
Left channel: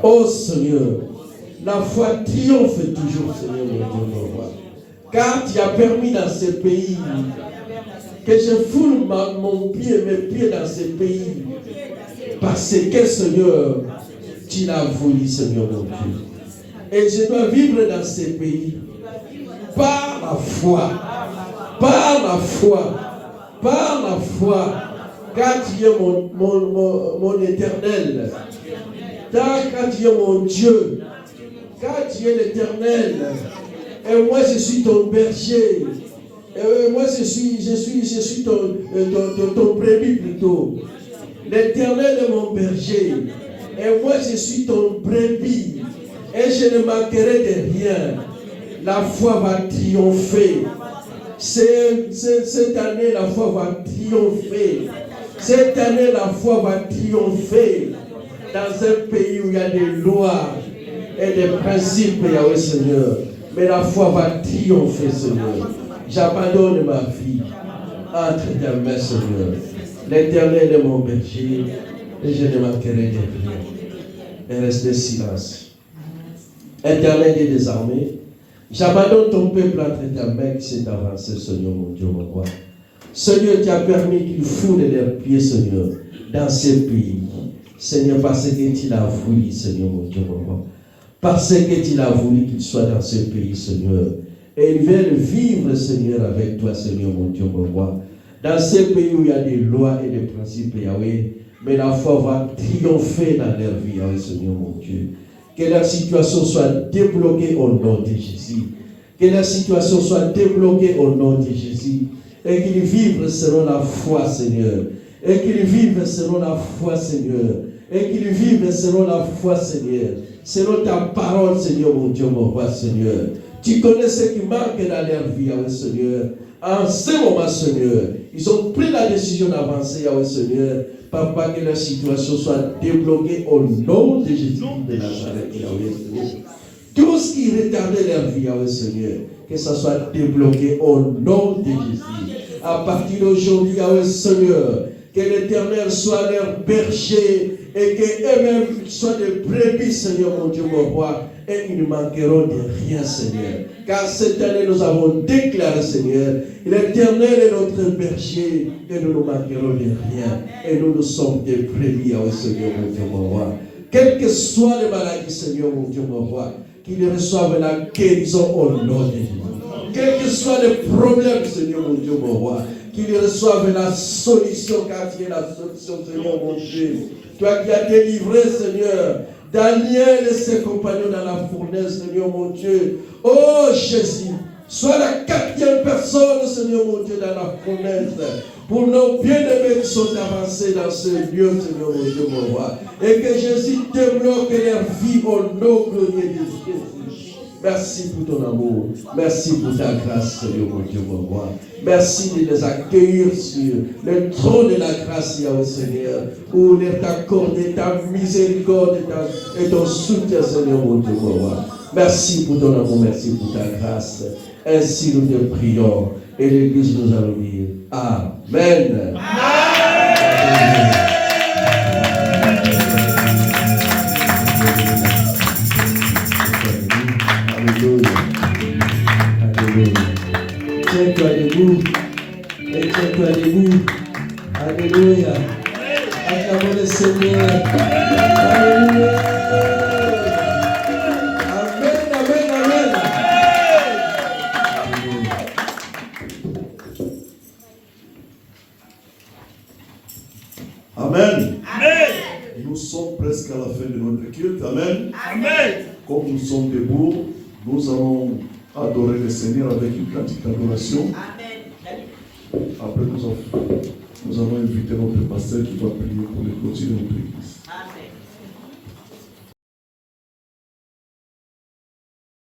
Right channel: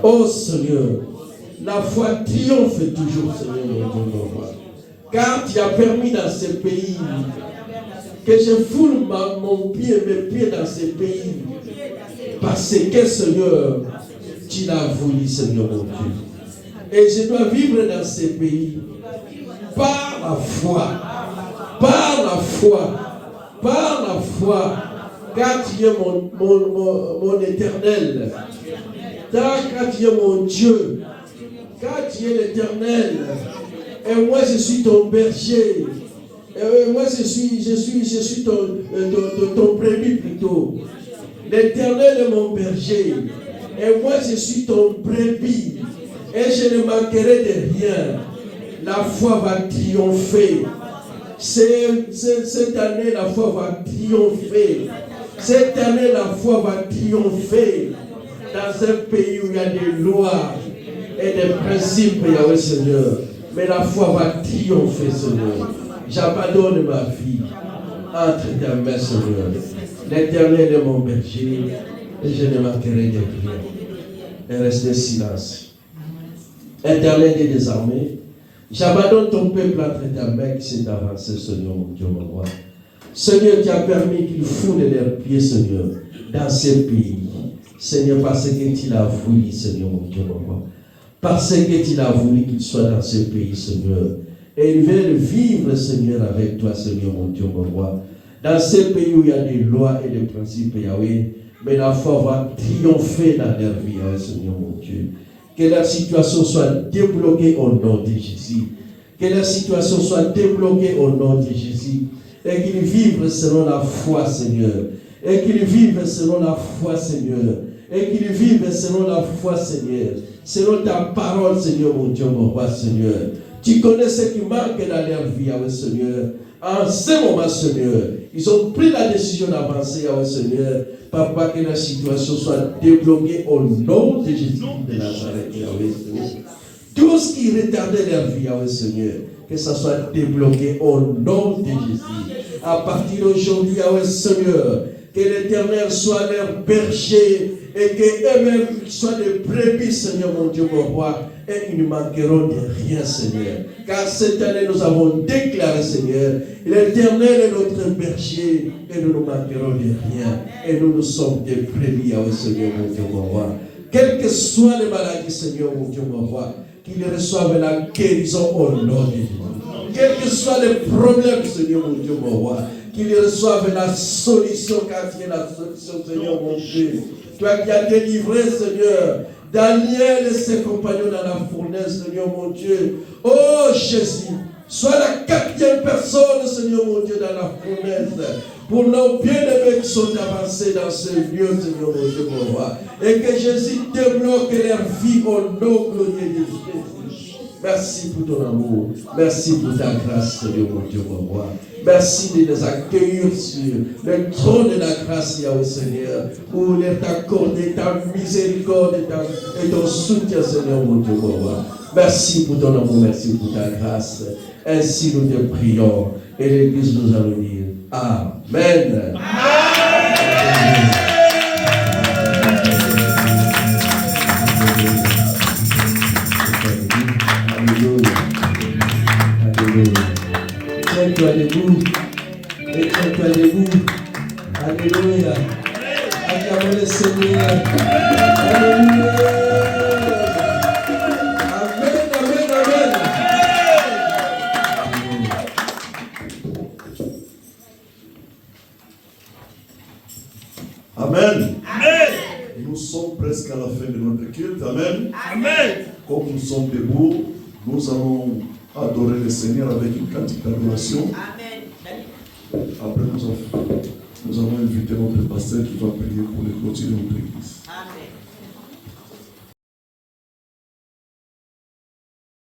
Oh Seigneur, la foi triomphe toujours, Seigneur mon Dieu, mon roi. Car tu as permis dans ce pays que je foule mes pieds dans ce pays. Parce que, Seigneur, tu l'as voulu, Seigneur mon Dieu. Et je dois vivre dans ce pays par la foi. Par la foi. Par la foi. Car tu es mon éternel. Car tu es mon Dieu. Car tu es l'éternel. Et moi je suis ton berger. Et moi je suis ton brebis plutôt. L'éternel est mon berger. Et moi je suis ton brebis. Et je ne manquerai de rien. La foi va triompher. Cette année, la foi va triompher. Cette année, la foi va triompher. Dans un pays où il y a des lois et des principes, Yahweh Seigneur. Mais la foi va triompher, Seigneur. J'abandonne ma vie entre tes mains, Seigneur. L'Éternel est mon berger et je ne manquerai de rien. Et restez silence. Éternel et des armées, j'abandonne ton peuple entre tes mains qui s'est avancé, Seigneur, mon Dieu, mon roi. Seigneur, tu as permis qu'ils foulent leurs pieds, Seigneur, dans ces pays. Seigneur, parce que tu l'as voulu, Seigneur, mon Dieu, mon roi. Parce que tu l'as voulu qu'ils soient dans ce pays, Seigneur. Et ils veulent vivre, Seigneur, avec toi, Seigneur, mon Dieu, mon roi. Dans ces pays où il y a des lois et des principes, Yahweh, mais la foi va triompher dans leur vie, Yahweh, Seigneur, mon Dieu. Que la situation soit débloquée au nom de Jésus. Que la situation soit débloquée au nom de Jésus. Et qu'ils vivent selon la foi, Seigneur. Et qu'ils vivent selon la foi, Seigneur. Et qu'ils vivent selon la foi, Seigneur. Selon ta parole, Seigneur, mon Dieu, mon roi, Seigneur. Tu connais ce qui manque dans leur vie, Yahweh, Seigneur. En ce moment, Seigneur, ils ont pris la décision d'avancer, Yahweh, Seigneur. Papa, que la situation soit débloquée au nom de Jésus de Nazareth, Yahweh, Seigneur. Tout ce qui retardait leur vie, Yahweh, Seigneur, que ça soit débloqué au nom de Jésus. À partir d'aujourd'hui, Yahweh, Seigneur, que l'Éternel soit leur berger et qu'eux-mêmes soient des brebis, Seigneur, mon Dieu, mon roi, et ils ne manqueront de rien, Seigneur. Car cette année, nous avons déclaré, Seigneur, l'Éternel est notre berger et nous ne manquerons de rien. Et nous sommes des brebis, Seigneur, mon Dieu, mon roi. Quelles que soient les maladies, Seigneur, mon Dieu, mon roi, qu'ils reçoivent la guérison au nom de Jésus. Quels que soient les problèmes, Seigneur, mon Dieu, mon roi, qu'ils reçoivent la solution, car tu es la solution, Seigneur, mon Dieu. Toi qui as délivré, Seigneur, Daniel et ses compagnons dans la fournaise, Seigneur, mon Dieu. Oh Jésus, sois la 4e personne, Seigneur, mon Dieu, dans la fournaise. Pour nos bien-aimés qui sont avancés dans ce lieu, Seigneur, mon Dieu, mon roi. Et que Jésus débloque leur vie au nom glorieux de Jésus. Merci pour ton amour. Merci pour ta grâce, Seigneur, mon Dieu, mon roi. Merci de nous accueillir sur le trône de la grâce, Yahweh, Seigneur, pour t'accorder ta miséricorde et ton soutien, Seigneur, mon Dieu, mon roi. Merci pour ton amour, merci pour ta grâce. Ainsi nous te prions. Et l'Église nous allons dire Amen. Amen. Alléluia. Alléluia. Tiens-toi debout. Et tiens-toi debout. Alléluia. Acclamez le Seigneur. Alléluia. Amen, amen, amen. Amen. Amen. Nous sommes presque à la fin de notre culte. Amen. Amen. Comme nous sommes debout, nous allons adorer le Seigneur avec une cantique d'adoration. Après, nous allons inviter notre pasteur qui va prier pour les clôturer notre église.